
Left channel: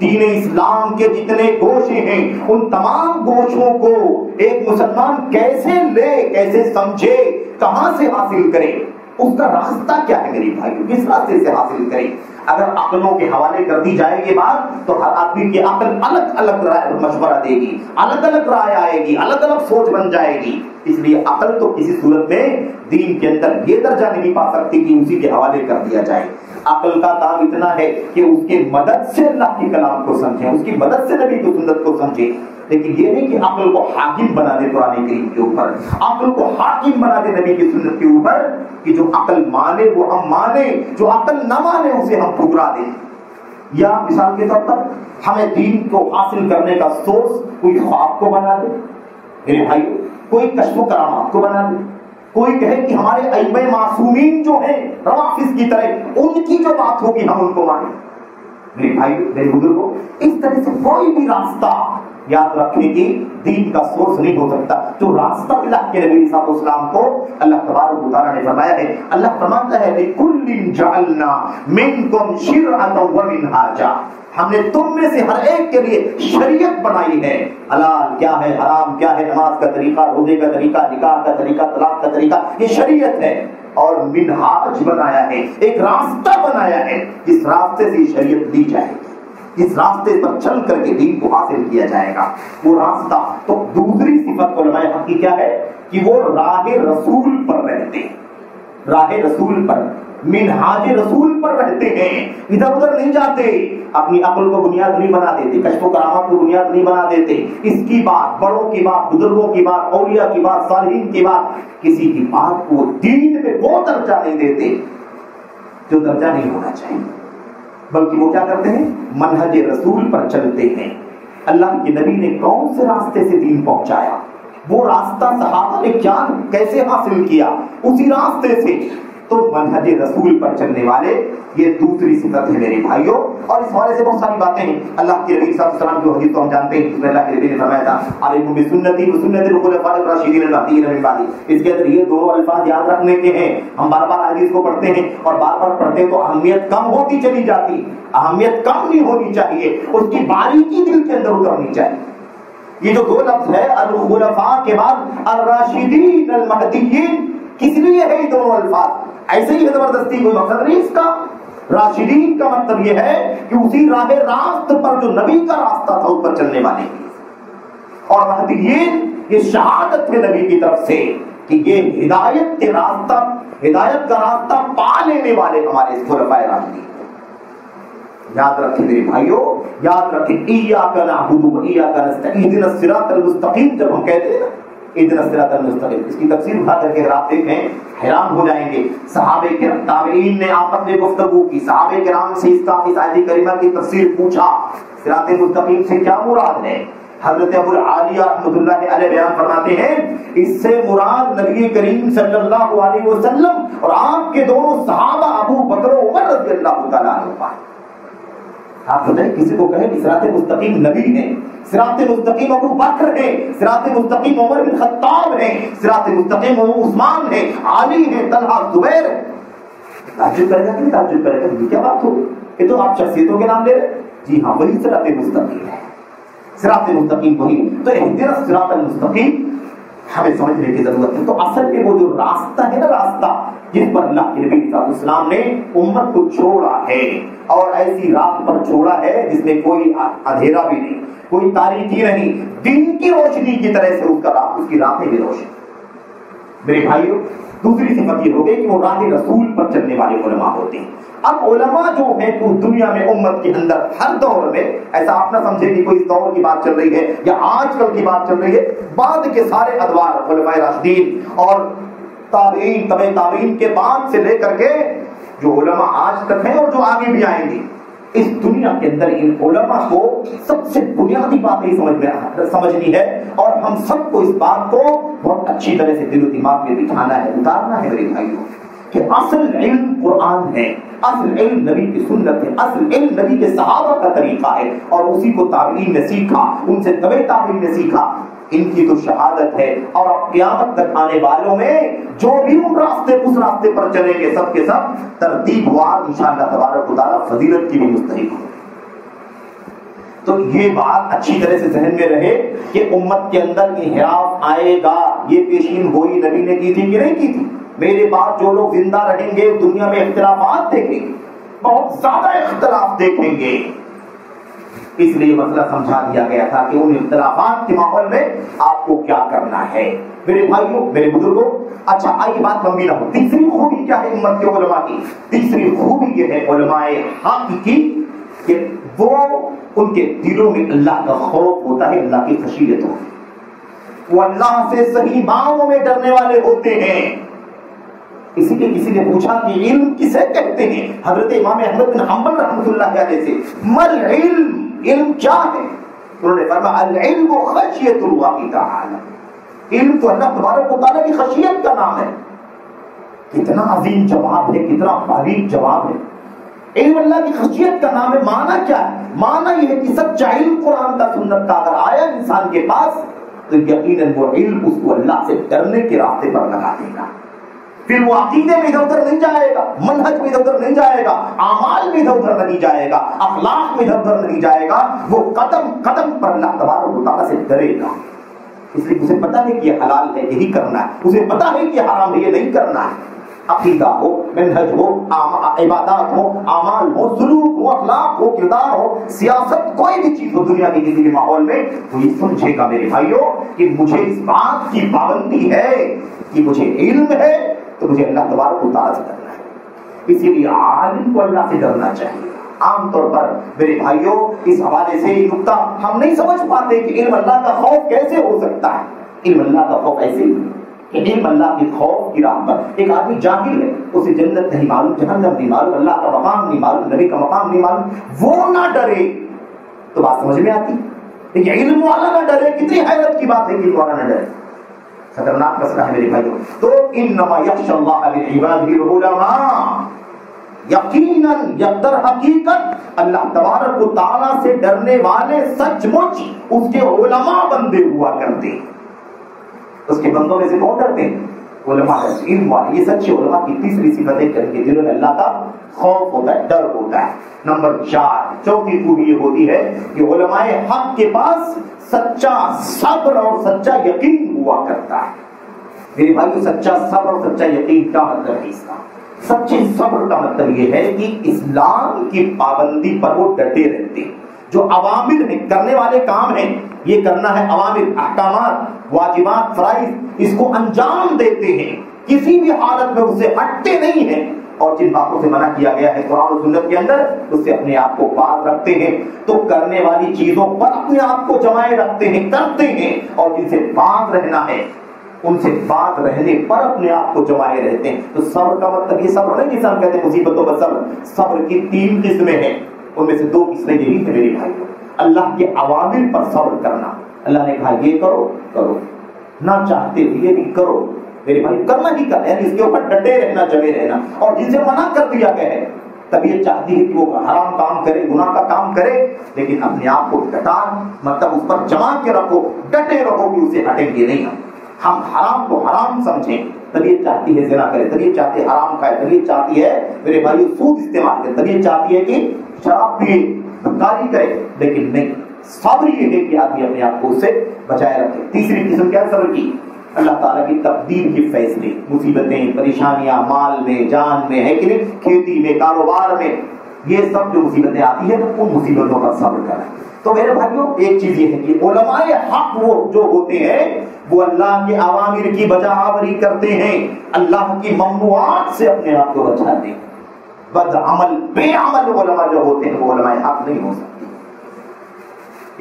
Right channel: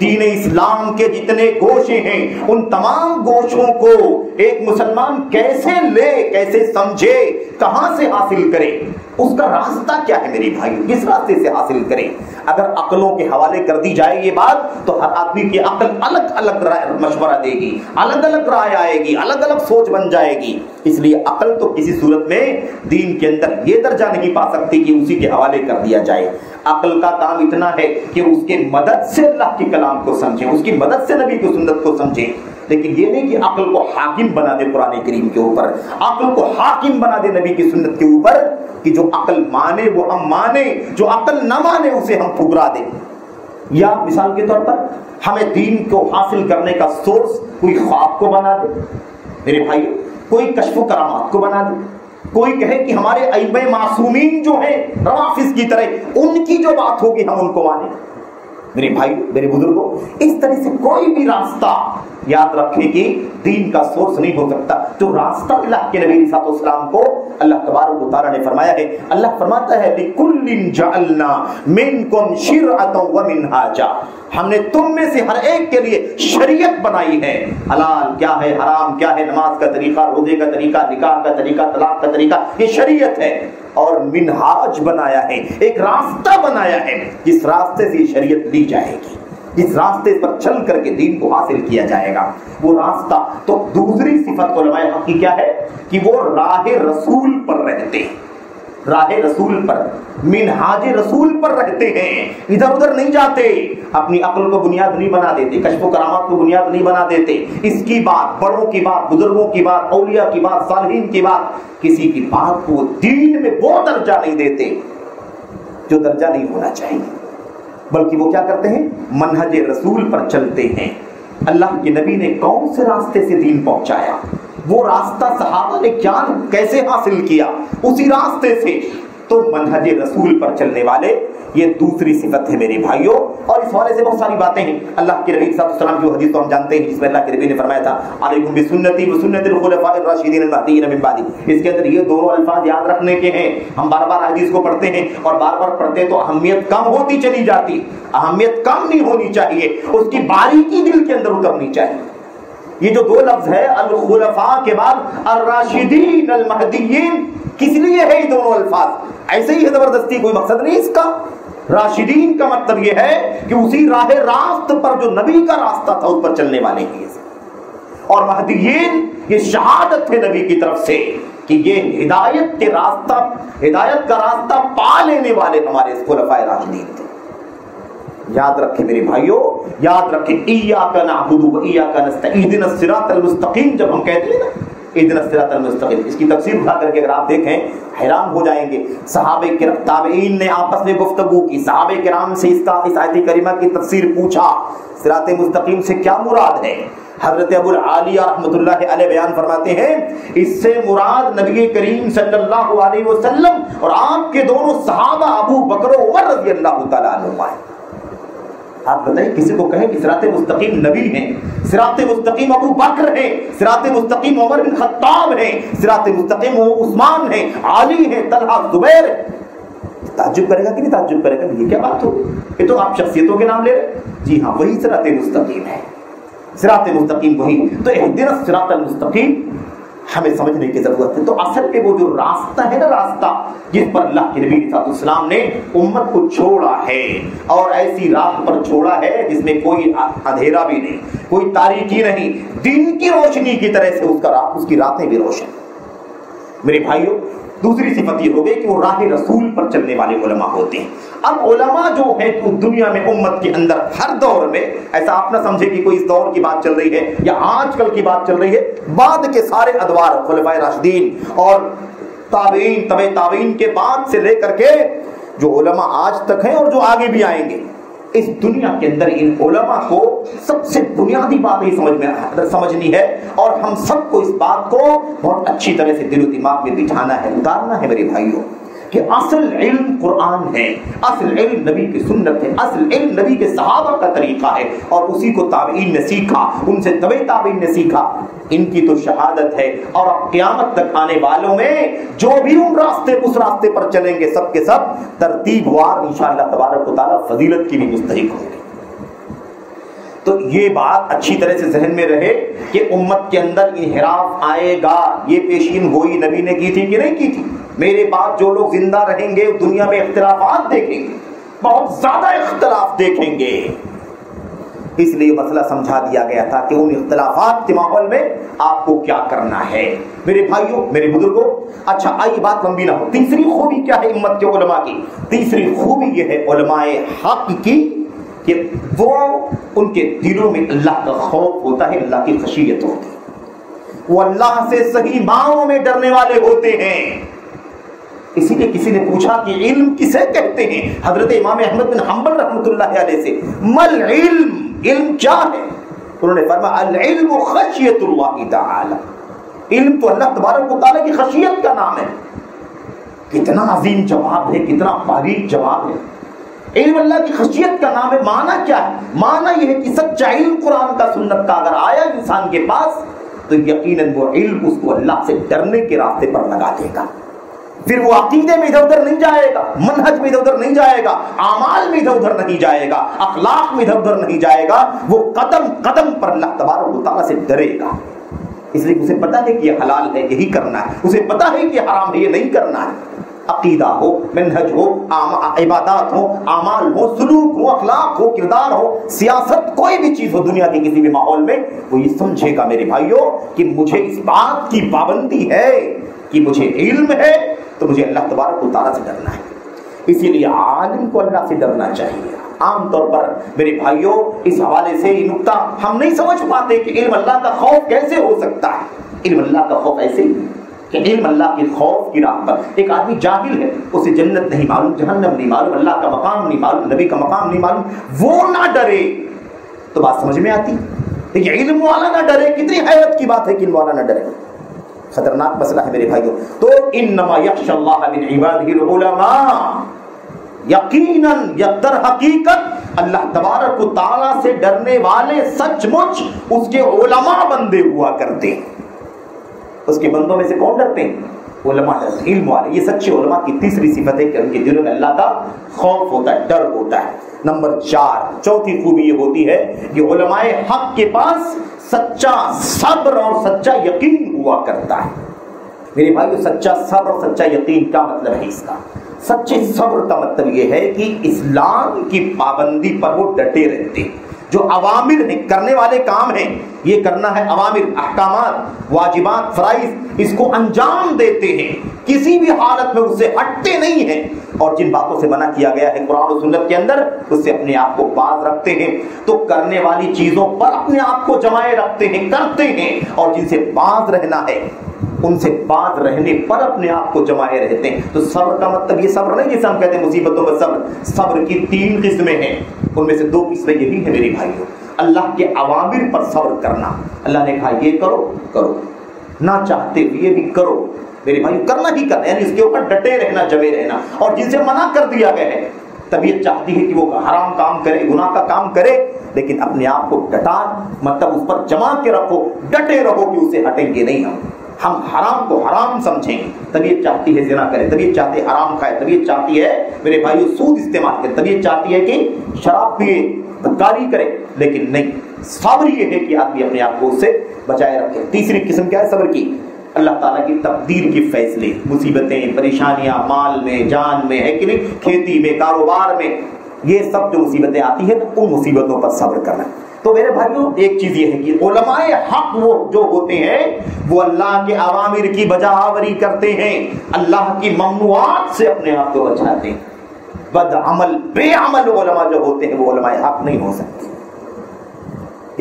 دین اسلام کے جتنے گوشے ہیں ان تمام گوشوں کو ایک مسلمان کیسے لے، کیسے سمجھے، کہاں سے حاصل کرے، اس کا راستہ کیا ہے میری بھائیوں، کس راستے سے حاصل کرے۔ اگر عقلوں کے حوالے کر دی جائے یہ بات تو ہر آدمی کی عقل الگ الگ مشورہ دے گی، الگ الگ رائے آئے گی، الگ الگ سوچ بن جائے گی۔ اس لیے عقل تو کسی صورت میں دین کے اندر یہ درجہ نہیں پا سکتی کہ اسی کے حوالے کر دیا جائے۔ عقل کا کام اتنا ہے کہ اس کے مدد سے اللہ کے کلام کو سمجھیں، اس کی مدد سے نبی کی سنت کو سمجھیں، لیکن یہ نہیں کہ عقل کو حاکم بنا دے قرآن کریم کے اوپر، عقل کو حاکم بنا دے نبی کی سنت کے اوپر، کہ جو عقل مانے وہ ہم مانے، جو عقل نہ مانے اسے ہم ٹھکرا دیں۔ یا مثال کے طور پر ہمیں دین کو حاصل کرنے کا سورس کوئی خواب کو بنا دے میرے بھائیو، کوئی کشف و کرامات کو بنا دے، کوئی کہے کہ ہمارے ائمہ معصومین جو ہیں روافض کی طرح ان کی جو بات ہوگی ہم ان کو مانیں۔ میرے بھائی میرے بزرگوں، اس طرح سے کوئی بھی راستہ یاد رکھنے کی دین کا سورس نہیں ہو سکتا۔ جو راستہ اللہ کے نبی صلی اللہ علیہ وسلم کو اللہ تبارک و تعالی نے فرمایا ہے، اللہ فرماتا ہے لِكُلٍّ جَعَلْنَا مِنْكُمْ شِرْعَةً وَمِنْهَاجًا، ہم نے تم میں سے ہر ایک کے لیے شریعت بنائی ہے، حلال کیا ہے، حرام کیا ہے، نماز کا طریقہ، روزے کا طریقہ، نکاح کا طریقہ، طلاق کا طریقہ، یہ شریعت ہے، اور منہاج بنایا ہے، ایک راستہ بنایا ہے جس راستے سے شریعت لی جائے گی۔ جس راستے پر چل کر کے دین کو حاصل کیا جائے گا وہ راستہ. تو دوسری صفت علماء حق کی کیا ہے کہ وہ راہ رسول پر رہتے ہیں, راہ رسول پر, منہاج رسول پر رہتے ہیں, ادھر ادھر نہیں جاتے, اپنی عقل کو بنیاد نہیں بنا دیتے, کشف و کرامات کو بنیاد نہیں بنا دیتے. اس کی بات, بڑوں کی بات, بزرگوں کی بات, اولیاء کی بات, صالحین کی بات, کسی کی بات کو دین میں وہ درجہ نہیں دیتے جو درجہ نہیں ہونا چاہیے, بلکہ وہ کیا کرتے ہیں, منہج رسول پر چلتے ہیں. اللہ کے نبی نے کون سے راستے سے دین پہنچایا, وہ راستہ صحابہ نے کیا کیسے حاصل کیا, اسی راستے سے. تو منہج رسول پر چلنے والے, یہ دوسری صفت ہے میرے بھائیوں. اور اس حوالے سے بہت ساری باتیں ہیں. اللہ کے نبی صلی اللہ علیہ وسلم کی حدیث تو ہم جانتے ہیں, جس میں اللہ کے نبی نے فرمایا تھا علیکم بسنتی وسنت الخلفاء الراشدین المہدیین من بعدی. اس کے اندر یہ دونوں الفاظ یاد رکھنے کے ہیں. ہم بار بار حدیث کو پڑھتے ہیں اور بار بار پڑھتے تو اہمیت کم ہوتی چلی جاتی. اہمیت کم نہیں ہونی چاہیے, اس کی باریکی دل کے اندر اترنی چاہیے. یہ جو دو لفظ ہے الخلفاء کے بعد الراشدین المہدیین, کس لیے ہے یہ دونوں الفاظ؟ ایسے ہی ہے زبردستی, کوئی مقصد نہیں اس کا. راشدین کا مطلب یہ ہے کہ اسی راہ راست پر جو نبی کا راستہ تھا اس پر چلنے والے ہیں, اور مہدیین یہ شہادت ہے نبی کی طرف سے کہ یہ ہدایت کے راستہ, ہدایت کا راستہ پا لینے والے ہمارے خلفائے راشدین تھے. یاد رکھیں میرے بھائیوں, یاد رکھیں, ایاک نعبد و ایاک نستعین, اہدنا الصراط المستقیم جب ہم کہتے ہیں نا اہدنا الصراط المستقیم, اس کی تفسیر اٹھا کر کے اگر آپ دیکھیں حیران ہو جائیں گے. صحابہ کرام, تابعین نے آپس میں گفتگو کی, صحابہ کرام سے اس آیت کریمہ کی تفسیر پوچھا, صراط مستقیم سے کیا مراد ہے. حضرت ابو العالیہ رحمۃ اللہ علیہ بیان فرماتے ہیں اس سے مراد نبی کریم صلی اللہ علیہ وسلم اور آپ کے دونوں صحابہ ابو بکر و عمر رضی اللہ تعالیٰ عنہ. آپ بتائیں کسی کو کہے کہ صراط مستقیم نبی ہیں, صراط مستقیم ابو بکر ہیں, صراط مستقیم عمر بن خطاب ہیں, صراط مستقیم عثمان ہیں, علی ہیں, طلحہ, زبیر ہیں, تعجب کرے گا کہ نہیں تعجب کرے گا, یہ کیا بات ہو, یہ تو آپ شخصیتوں کے نام لے رہے. جی ہاں, وہی صراط مستقیم ہے, صراط مستقیم وہی. تو اہدنا الصراط المستقیم ہمیں سمجھنے کی ضرورت ہے. تو اصل میں وہ جو راستہ ہے نا, راستہ جس پر اللہ کے نبی صلی اللہ علیہ وسلم نے امت کو چھوڑا ہے, اور ایسی راہ پر چھوڑا ہے جس میں کوئی اندھیرا بھی نہیں, کوئی تاریکی نہیں, دین کی روشنی کی طرح سے اس کی راتیں بھی روشن. میرے بھائیوں, دوسری صفت یہ ہو گئی کہ وہ راہ رسول پر چلنے والے علماء ہوتے ہیں. اب علماء جو ہیں تو دنیا میں امت کے اندر ہر دور میں, ایسا آپ نہ سمجھے کہ کوئی اس دور کی بات چل رہی ہے یا آج کل کی بات چل رہی ہے, بعد کے سارے ادوار خلفائے راشدین اور تابعین, تبع تابعین کے بعد سے لے کر کے جو علماء آج تک ہیں اور جو آگے بھی آئیں گے, اس دنیا کے اندر ان علماء کو سب سے بنیادی بات ہی سمجھنی ہے, اور ہم سب کو اس بات کو بہت اچھی طرح سے دل و دماغ میں بٹھانا ہے, اتارنا ہے میرے بھائیوں, کہ اصل علم قرآن ہے, اصل علم نبی کی سنت ہے, اصل علم نبی کے صحابہ کا طریقہ ہے, اور اسی کو تابعین نے سیکھا, ان سے تبع تابعین نے سیکھا. ان کی تو شہادت ہے, اور اب قیامت تک آنے والوں میں جو بھی اس راستے پر چلیں گے سب کے سب ترتیب وار انشاءاللہ تبارک و تعالی فضیلت کی بھی مستحق ہوں گے. تو یہ بات اچھی طرح سے ذہن میں رہے کہ امت کے اندر انحراف آئے گا. یہ پیشین گوئی نبی نے کی تھی کہ نہیں کی تھی؟ میرے بعد جو لوگ زندہ رہیں گے دنیا میں اختلافات دیکھیں گے, بہت زیادہ اختلاف دیکھیں گے. اس لیے مسئلہ سمجھا دیا گیا تھا کہ ان اختلافات کے ماحول میں آپ کو کیا کرنا ہے. میرے بھائیوں, میرے بزرگوں, اچھا آئیے بات لمبی نہ ہو. تیسری خوبی کیا ہے امت کے علماء کی؟ تیسری خوبی یہ ہے علماء حق کی کہ وہ ان کے دلوں میں اللہ کا خوف ہوتا ہے, اللہ کی خشیت ہوتی ہے, وہ اللہ سے صحیح معنوں میں ڈرنے والے ہوتے ہیں. اسی لیے کسی نے پوچھا کہ علم کسے کہتے ہیں, حضرت امام احمد بن حنبل رحمۃ اللہ علیہ سے, مل علم, علم کیا ہے؟ انہوں نے فرمایا العلم خشیت اللہ تعالی, علم تو اللہ تبارک و تعالی کی خشیت کا نام ہے. کتنا عظیم جواب ہے, کتنا باریک جواب ہے. علم اللہ کی خشیت کا نام ہے. معنی کیا ہے؟ معنی یہ ہے کہ سچا علم قرآن کا سنت کا اگر آیا انسان کے پاس تو یقیناً وہ علم اس کو اللہ سے ڈرنے کے راستے پر لگا دے گا. پھر وہ عقیدے میں ادھر ادھر نہیں جائے گا, منہج میں ادھر ادھر نہیں جائے گا, اعمال میں ادھر ادھر نہیں جائے گا, اخلاق میں ادھر ادھر نہیں جائے گا. وہ قدم قدم پر اللہ تبارک و تعالیٰ سے ڈرے گا. اس لیے اسے پتا ہے کہ یہ حلال ہے, یہی کرنا ہے, اسے پتا ہے کہ حرام ہے, یہ نہیں کرنا ہے. عقیدہ ہو، منہج ہو، عبادات ہو، اعمال ہو، سلوک ہو، اخلاق ہو، کردار ہو، سیاست، کوئی بھی چیز ہو دنیا کے کسی بھی ماحول میں، وہ یہ سمجھے گا میرے بھائیوں کہ مجھے اس بات کی پابندی ہے کہ مجھے علم ہے تو مجھے اللہ تبارک و تعالیٰ سے ڈرنا ہے۔ اسی لیے عالم کو اللہ سے ڈرنا چاہیے۔ عام طور پر میرے بھائیوں اس حوالے سے یہ نقطہ ہم نہیں سمجھ پاتے کہ علم اللہ کا خوف کیسے ہو سکتا ہے۔ علم اللہ کا خوف ایسے ہی کہ علم اللہ کے خوف کی راہ پر ایک آدمی جاہل ہے، اسے جنت نہیں معلوم، جہنم نہیں معلوم، اللہ کا مقام نہیں معلوم، نبی کا مقام نہیں معلوم، وہ نہ ڈرے تو بات سمجھ میں آتی۔ لیکن علم والا نہ ڈرے، کتنی حیرت کی بات ہے کہ علم والا نہ ڈرے، خطرناک مسئلہ ہے میرے بھائیوں۔ تو انما یخشی اللہ من عبادہ العلماء، یقیناً در حقیقت اللہ تبارک و تعالیٰ سے ڈرنے والے سچ مچ اس کے علماء بندے ہوا کرتے ہیں۔ اس کے بندوں میں سے کون ڈرتے ہیں؟ علماء، علم والے۔ یہ سچے علماء کی تیسری صفت ہے کہ ان کے دلوں میں اللہ کا خوف ہوتا ہے، ڈر ہوتا ہے۔ نمبر 4، چوتھی خوبی یہ ہوتی ہے کہ علماء حق کے پاس سچا صبر اور سچا یقین ہوا کرتا ہے۔ میرے بھائیو سچا صبر اور سچا یقین کیا مطلب ہے اس کا؟ سچے صبر کا مطلب یہ ہے کہ اسلام کی پابندی پر وہ ڈٹے رہتے ہیں، جو اوامر ہیں، کرنے والے کام ہیں، یہ کرنا ہے، اوامر، احکامات، واجبات، فرائض، اس کو انجام دیتے ہیں، کسی بھی حالت میں اس سے ہٹتے نہیں ہیں، اور جن باتوں سے منع کیا گیا ہے قرآن و سنت کے اندر اس سے اپنے آپ کو باز رکھتے ہیں، تو کرنے والی چیزوں پر اپنے آپ کو جمائے رکھتے ہیں، کرتے ہیں، اور جن سے باز رہنا ہے ان سے باز رہنے پر اپنے آپ کو جمائے رہتے ہیں۔ تو صبر کا مطلب یہ صبر نہیں جسے ہم کہتے ہیں مصیبتوں کا صبر۔ صبر کی 3 قسمیں ہیں، ان میں سے 2 قسمیں یہ بھی ہے میرے بھائیوں، اللہ کے اوامر پر صبر کرنا، اللہ نے کہا یہ کرو کرو، نہ چاہتے ہوئے بھی کرو میرے بھائی، کرنا ہی کرنا، یعنی اس کے اوپر ڈٹے رہنا، جمے رہنا، اور جن سے منع کر دیا گیا ہے طبیعت چاہتی ہے کہ وہ حرام کام کرے، گناہ کا کام کرے، لیکن اپنے آپ کو ڈٹا، مطلب اس پر جما کے رکھو، ڈٹے رہو کہ اسے ہٹیں گے نہیں ہم حرام کو حرام سمجھیں۔ طبیعت چاہتی ہے زنا کرے، طبیعت چاہتی ہے حرام کھائے، طبیعت چاہتی ہے میرے بھائیو سود استعمال کرے، طبیعت چاہتی ہے کہ شراب پیے، بدکاری کرے، لیکن نہیں، صبر یہ ہے کہ آدمی اپنے آپ کو اس سے بچائے رکھے۔ تیسری قسم کیا ہے صبر کی؟ اللہ تعالیٰ کی تقدیر کے فیصلے، مصیبتیں، پریشانیاں، مال میں، جان میں، ہے کہ نہیں، کھیتی میں، کاروبار میں، یہ سب جو مصیبتیں آتی ہیں ان مصیبتوں پر صبر کرنا۔ تو میرے بھائیوں ایک چیز یہ ہے کہ علماء حق وہ جو ہوتے ہیں وہ اللہ کے اوامر کی بجا آوری کرتے ہیں، اللہ کی ممنوعات سے اپنے آپ کو بچاتے ہیں۔ بد عمل، بے عمل علماء جو ہوتے ہیں وہ علماء حق نہیں ہو سکتے۔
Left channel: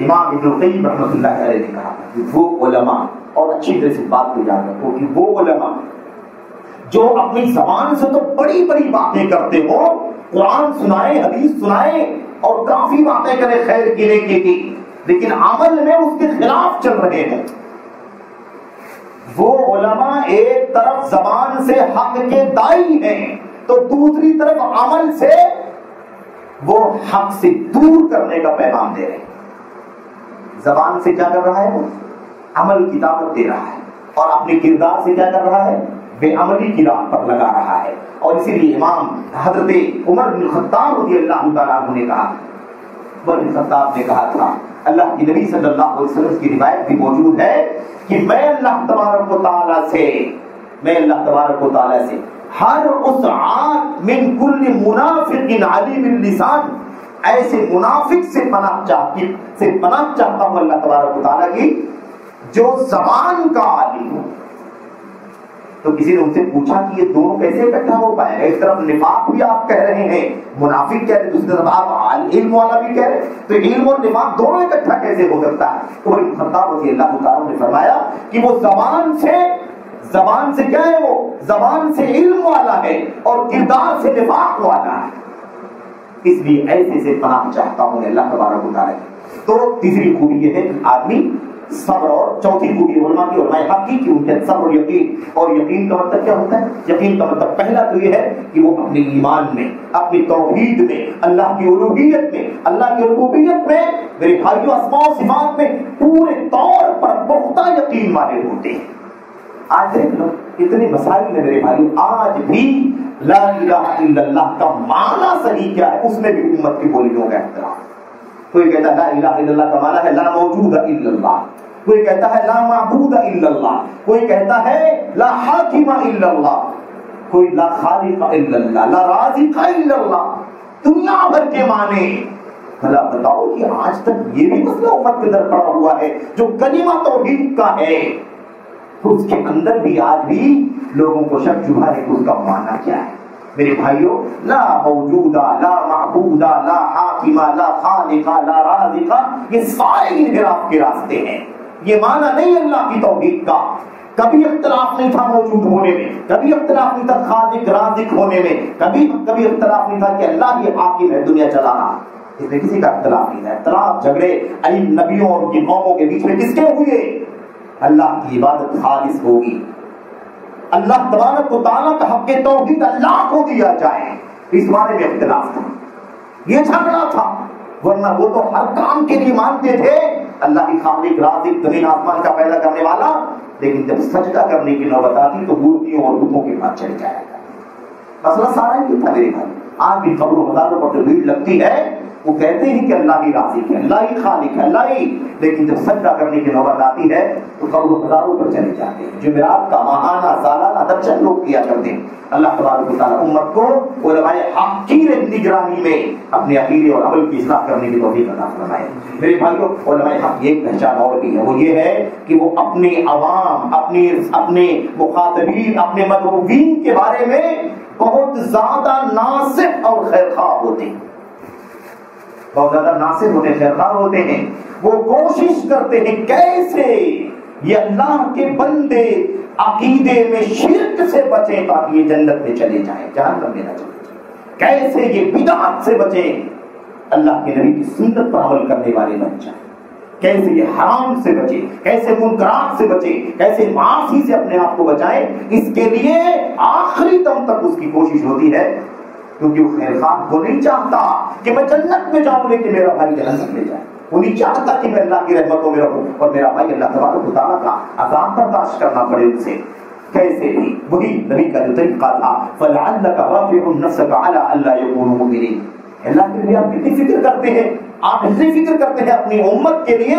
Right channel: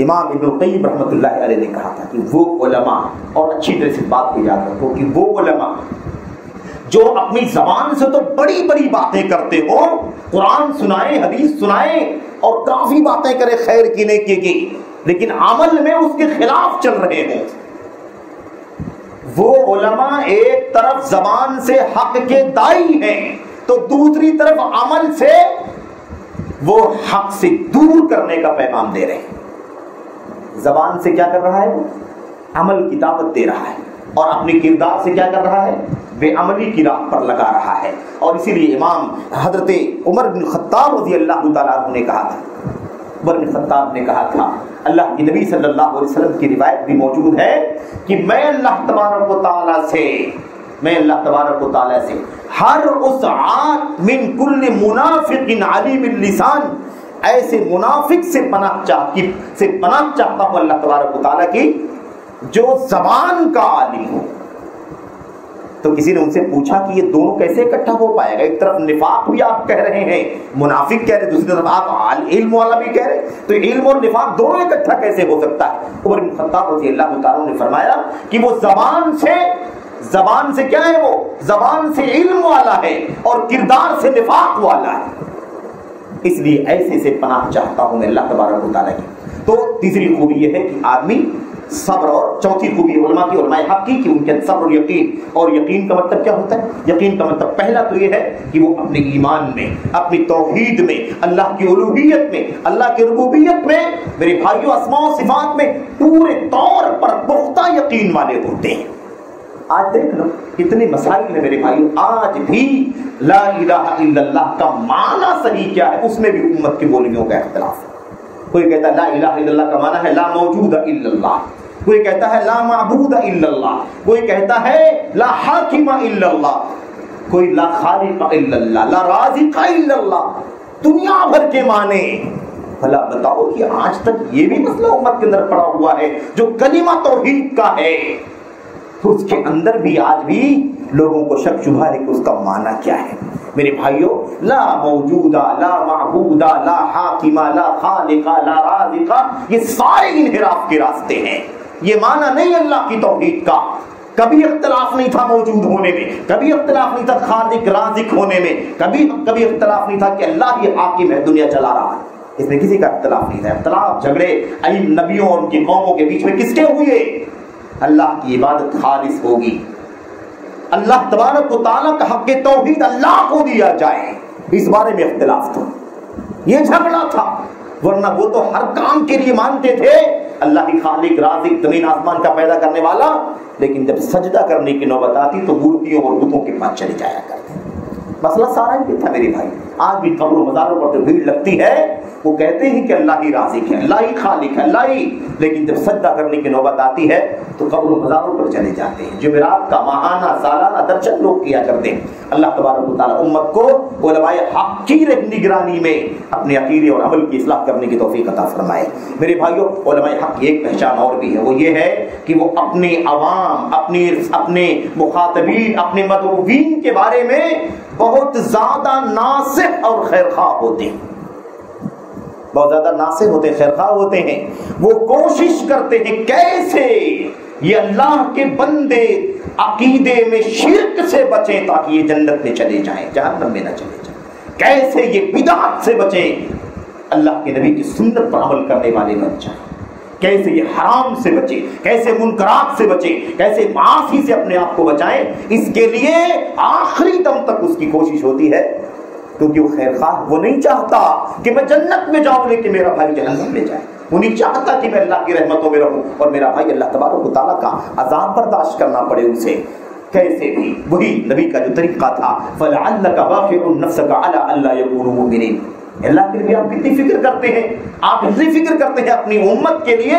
امام ابن القیم رحمۃ اللہ علیہ نے کہا تھا کہ وہ علماء، اور اچھی طرح سے بات کو یاد رکھو کہ وہ علماء جو اپنی زبان سے تو بڑی بڑی باتیں کرتے ہو، قرآن سنائے، حدیث سنائے اور کافی باتیں کرے خیر کی، نیکی کی، لیکن عمل میں اس کے خلاف چل رہے ہیں، وہ علماء ایک طرف زبان سے حق کے دائی ہیں تو دوسری طرف عمل سے وہ حق سے دور کرنے کا پیغام دے رہے ہیں۔ زبان سے کیا کر رہا ہے؟ وہ عمل کی دعوت دے رہا ہے، اور اپنے کردار سے کیا کر رہا ہے؟ بے عملی کی راہ پر لگا رہا ہے۔ اور اسی لیے امام حضرت عمر بن خطاب رضی اللہ تعالیٰ عنہ نے کہا تھا، عمر بن خطاب نے کہا تھا، اللہ کے نبی صلی اللہ علیہ وسلم کی روایت بھی موجود ہے کہ میں اللہ تبارک و تعالیٰ سے ہر اس عاد من کل منافق علیم اللسان، ایسے منافق سے پناہ چاہتا ہوں اللہ تبارک و تعالیٰ کی جو زبان کا عالم ہو۔ تو کسی نے ان سے پوچھا کہ یہ دونوں کیسے اکٹھا ہو پائے گا؟ ایک طرف نفاق بھی آپ کہہ رہے ہیں، منافق کہہ رہے، دوسری طرف آپ علم والا بھی کہہ رہے، تو علم اور نفاق دونوں اکٹھا کیسے ہو سکتا ہے؟ عمر بن خطاب رضی اللہ تعالیٰ نے فرمایا کہ وہ زبان سے کیا ہے؟ وہ زبان سے علم والا ہے اور کردار سے نفاق والا ہے، اس لیے ایسے سے پناہ چاہتا ہوں میں اللہ تبارک و تعالیٰ کی۔ تو تیسری خوبی یہ ہے کہ آدمی صبر، اور چوتھی خوبی علماء حق کی کہ ان کے صبر اور یقین، اور یقین کا مطلب کیا ہوتا ہے؟ یقین کا مطلب پہلا تو یہ ہے کہ وہ اپنے ایمان میں، اپنی توحید میں، اللہ کی الوہیت میں، اللہ کی ربوبیت میں، میرے بھائیوں اسماء و صفات میں پورے طور پر پختہ یقین والے ہوتے ہیں۔ آج دیکھ لو کتنے مسائل ہیں میرے بھائیوں، آج بھی لا الہ الا اللہ کا معنی صحیح کیا ہے اس میں بھی امت کی بولیوں کا اختلاف ہے۔ کوئی کہتا ہے لا الہ الا اللہ کا معنی ہے لا موجود الا اللہ، کوئی کہتا ہے لا معبود الا اللہ، کوئی کہتا ہے لا حاکم الا اللہ، کوئی لا خالق الا اللہ لا رازق الا اللہ دنیا بھر کے معنی. بھلا بتاؤ کہ آج تک یہ بھی مسئلہ امت کے اندر پڑا ہوا ہے جو کلمہ توحید کا ہے، اس کے اندر بھی آج بھی لوگوں کو شک شبہ ہے کہ اس کا معنی کیا ہے. میرے بھائیوں، لا موجودہ، لا معبودہ، لا حاکمہ، لا خالقہ، لا رازقہ، یہ سارے انحراف کے راستے ہیں. یہ معنی نہیں اللہ کی توحید کا. کبھی اختلاف نہیں تھا موجود ہونے میں، کبھی اختلاف نہیں تھا خالق رازق ہونے میں، کبھی اختلاف نہیں تھا کہ اللہ ہی حاکم ہے دنیا چلا رہا ہے. اس میں کسی کا اختلاف نہیں تھا. اختلاف جھگڑے نبیوں اور ان کی قوموں کے بیچ میں کس کے ہوئے؟ اللہ کی عبادت خالص ہوگی، اللہ تبارک و تعالیٰ کا حق توحید اللہ کو دیا جائے، اس بارے میں اختلاف تھا، یہ جھگڑا تھا. ورنہ وہ تو ہر کام کے لیے مانتے تھے اللہ ہی خالق رازق زمین آسمان کا پیدا کرنے والا، لیکن جب سجدہ کرنے کی نوبت آتی تو مورتیوں اور بتوں کے پاس چلے جایا کرتے. مسئلہ سارا ہی تھا میرے بھائی. آج بھی قبر و مزاروں پر جو بھیڑ لگتی ہے وہ کہتے ہیں کہ اللہ ہی رازق ہے، اللہ ہی خالق ہے، اللہ ہی، لیکن جب سجدہ کرنے کی نوبت آتی ہے تو قبر و مزاروں پر چلے جاتے ہیں. جمعرات کا ماہانہ سالانہ درشن لوگ کیا کرتے ہیں. اللہ تبارک و تعالیٰ امت کو علماء حق کی نگرانی میں اپنے عقیدے اور عمل کی اصلاح کرنے کی توفیق عطا فرمائے. میرے بھائیوں، علماء حق کی ایک پہچان اور بھی ہے، وہ یہ ہے کہ وہ اپنے عوام، اپنے مخاطبین، اپنے مدعوین کے بارے میں بہت زیادہ ناصح اور خیرخواہ ہوتے ہیں، بہت زیادہ ناصح ہوتے ہیں، خیرخواہ ہوتے ہیں. وہ کوشش کرتے ہیں کیسے یہ اللہ کے بندے عقیدے میں شرک سے بچیں تاکہ یہ جنت میں چلے جائیں، جہنم میں نہ چلے جائیں. کیسے یہ بدعت سے بچیں، اللہ کے نبی کی سنت پر عمل کرنے والے بن جائیں. کیسے یہ حرام سے بچیں، کیسے منکرات سے بچیں، کیسے معاصی سے اپنے آپ کو بچائیں. اس کے لیے آخری دم تک اس کی کوشش ہوتی ہے، کیونکہ وہ خیر خواہ وہ نہیں چاہتا کہ میں جنت میں جاؤں لیکن میرا بھائی جہنم میں جائے. وہ نہیں چاہتا کہ میں اللہ کی رحمتوں میں رہوں اور میرا بھائی اللہ تبارک و تعالیٰ کا عذاب برداشت کرنا پڑے اسے. کیسے بھی وہی نبی کا جو طریقہ تھا، فَلَعَلَّكَ بَاخِعٌ نَفْسَكَ عَلَىٰ أَلَّا يَكُونُوا مُؤْمِنِينَ. اللہ کے لیے آپ کتنی فکر کرتے ہیں، آپ اتنی فکر کرتے ہیں اپنی امت کے لیے،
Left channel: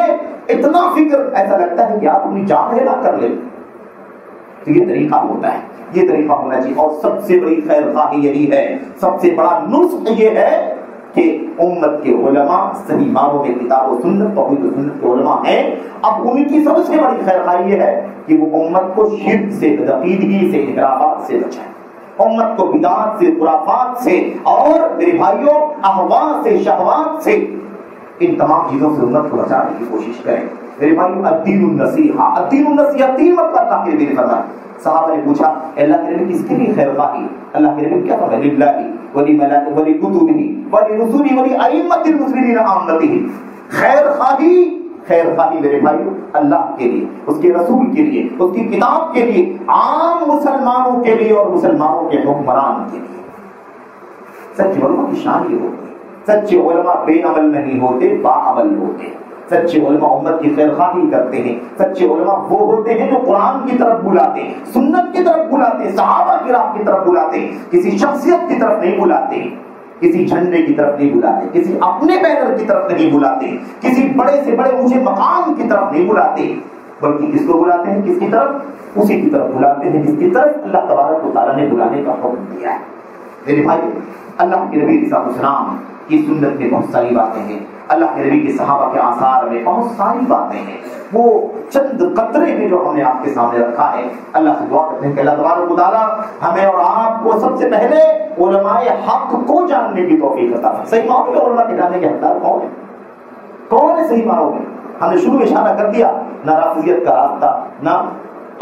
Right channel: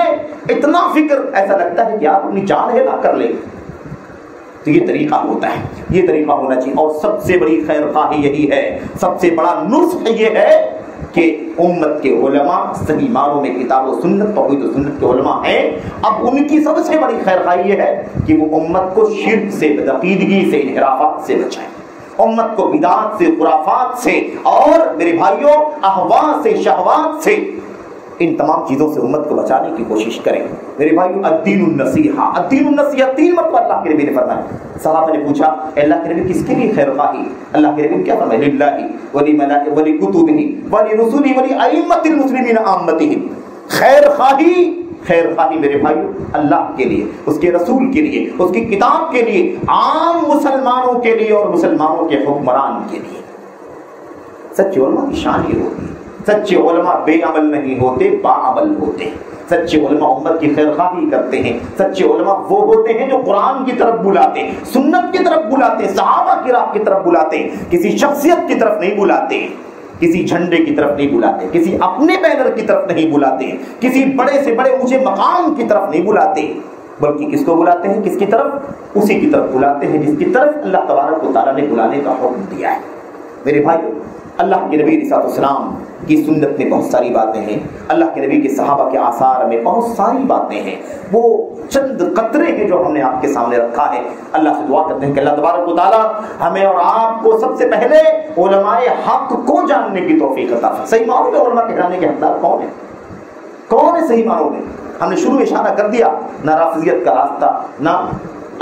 اتنا فکر ایسا لگتا ہے کہ آپ اپنی جان ہلا کر لیں. تو یہ طریقہ ہوتا ہے، یہ طریقہ ہونا چاہیے. اور سب سے بڑی خیر خواہی یہی ہے، سب سے بڑا نصح یہ ہے کہ امت کے علماء صحیح معنوں میں کتاب و سنت، توحید و سنت کے علماء ہیں. اب ان کی سب سے بڑی خیر خواہی یہ ہے کہ وہ امت کو شرک سے، بدعقیدگی سے، انحرافات سے بچائیں، امت کو بدعات سے، خرافات سے، اور میرے بھائیوں اہوا سے، شہوات سے، ان تمام چیزوں سے امت کو بچانے کی کوشش کریں. میرے بھائیوں، الدین النصیحہ، الدین النصیحہ 3 مرتبہ اللہ کے نبی نے فرمایا. صحابہ نے پوچھا اللہ کے نبی کس کے لیے خیر خواہی؟ اللہ کے نبی کیا فرمایا؟ للہ ولملائکتہ ولکتبہ ولرسلہ ولائمۃ المسلمین عامتہ. خیر خواہی میرے بھائیوں اللہ کے لیے، اس کے رسول کے لیے، اس کی کتاب کے لیے، عام مسلمانوں کے لیے اور مسلمانوں کے حکمران کے لیے. سچے علماء کی شان یہ ہوتی ہے، سچے علماء بے عمل نہیں ہوتے، با عمل ہوتے ہیں. سچے علماء امت کی خیر خواہی کرتے ہیں. سچے علماء وہ ہوتے ہیں جو قرآن کی طرف بلاتے ہیں، سنت کی طرف بلاتے ہیں، صحابہ کی راہ کی طرف بلاتے ہیں. کسی شخصیت کی طرف نہیں بلاتے، کسی جھنڈے کی طرف نہیں بلاتے، کسی اپنے بینر کی طرف نہیں بلاتے، کسی بڑے سے بڑے اونچے مقام کی طرف نہیں بلاتے، بلکہ کس کو بلاتے ہیں؟ کس کی طرف؟ اسی کی طرف بلاتے ہیں جس کی طرف اللہ تبارک و تعالیٰ نے بلانے کا حکم دیا ہے. میرے بھائیو، اللہ کے نبی علیہ السلام کی سنت میں بہت ساری باتیں ہیں، اللہ کے نبی کے صحابہ کے آثار میں بہت ساری باتیں ہیں. وہ چند قطرے ہیں جو ہم نے آپ کے سامنے رکھا ہے. اللہ سے دعا کرتے ہیں کہ اللہ تبارک و تعالیٰ ہمیں اور آپ کو سب سے پہلے علماء حق کو جاننے کی توفیق عطا فرمائے. صحیح معنوں میں علماء کے جاننے کے حقدار کون ہیں؟ کون ہے صحیح معنوں میں؟ ہم نے شروع میں اشارہ کر دیا، نہ رافضیت کا راستہ، نہ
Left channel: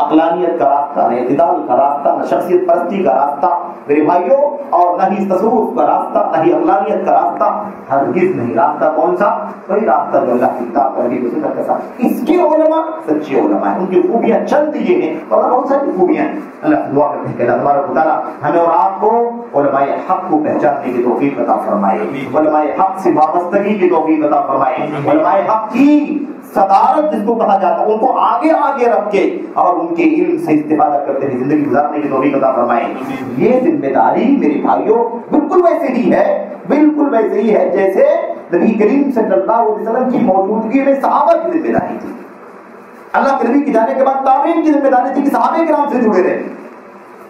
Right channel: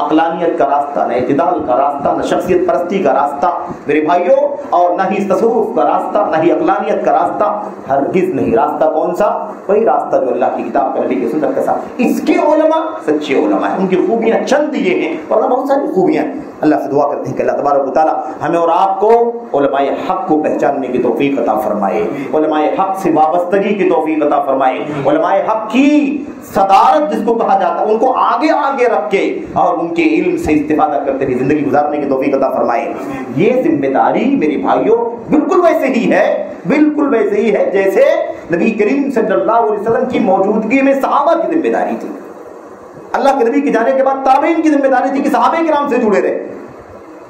عقلانیت کا راستہ، نہ اعتدال کا راستہ، نہ شخصیت پرستی کا راستہ میرے بھائیوں، اور نہ ہی تصوف کا راستہ، نہ ہی عقلانیت کا راستہ، ہرگز نہیں. راستہ کون سا؟ وہی راستہ جو اللہ کی کتاب نبی کی سنت کے ساتھ. اس کے علماء سچے علماء ہیں، ان کی خوبیاں چند یہ ہیں اور بہت ساری خوبیاں ہیں. اللہ سے دعا کرتے ہیں کہ اللہ تبارک و تعالیٰ ہمیں اور آپ کو علماء حق کو پہچاننے کی توفیق عطا فرمائے، علماء حق سے وابستگی کی توفیق عطا فرمائے، علماء حق کی صدارت جس کو کہا جاتا ہے ان کو آگے آگے رکھ کے اور ان کے علم سے استفادہ کرتے ہوئے زندگی گزارنے کی توفیق عطا فرمائے. یہ ذمہ داری میرے بھائیوں بالکل ویسے ہی ہے، بالکل ویسے ہی ہے جیسے نبی کریم صلی اللہ علیہ وسلم کی موجودگی میں صحابہ کی ذمہ داری تھی. اللہ کے نبی کے جانے کے بعد تابعین کی ذمہ داری تھی کہ صحابہ کرام سے جڑے رہے.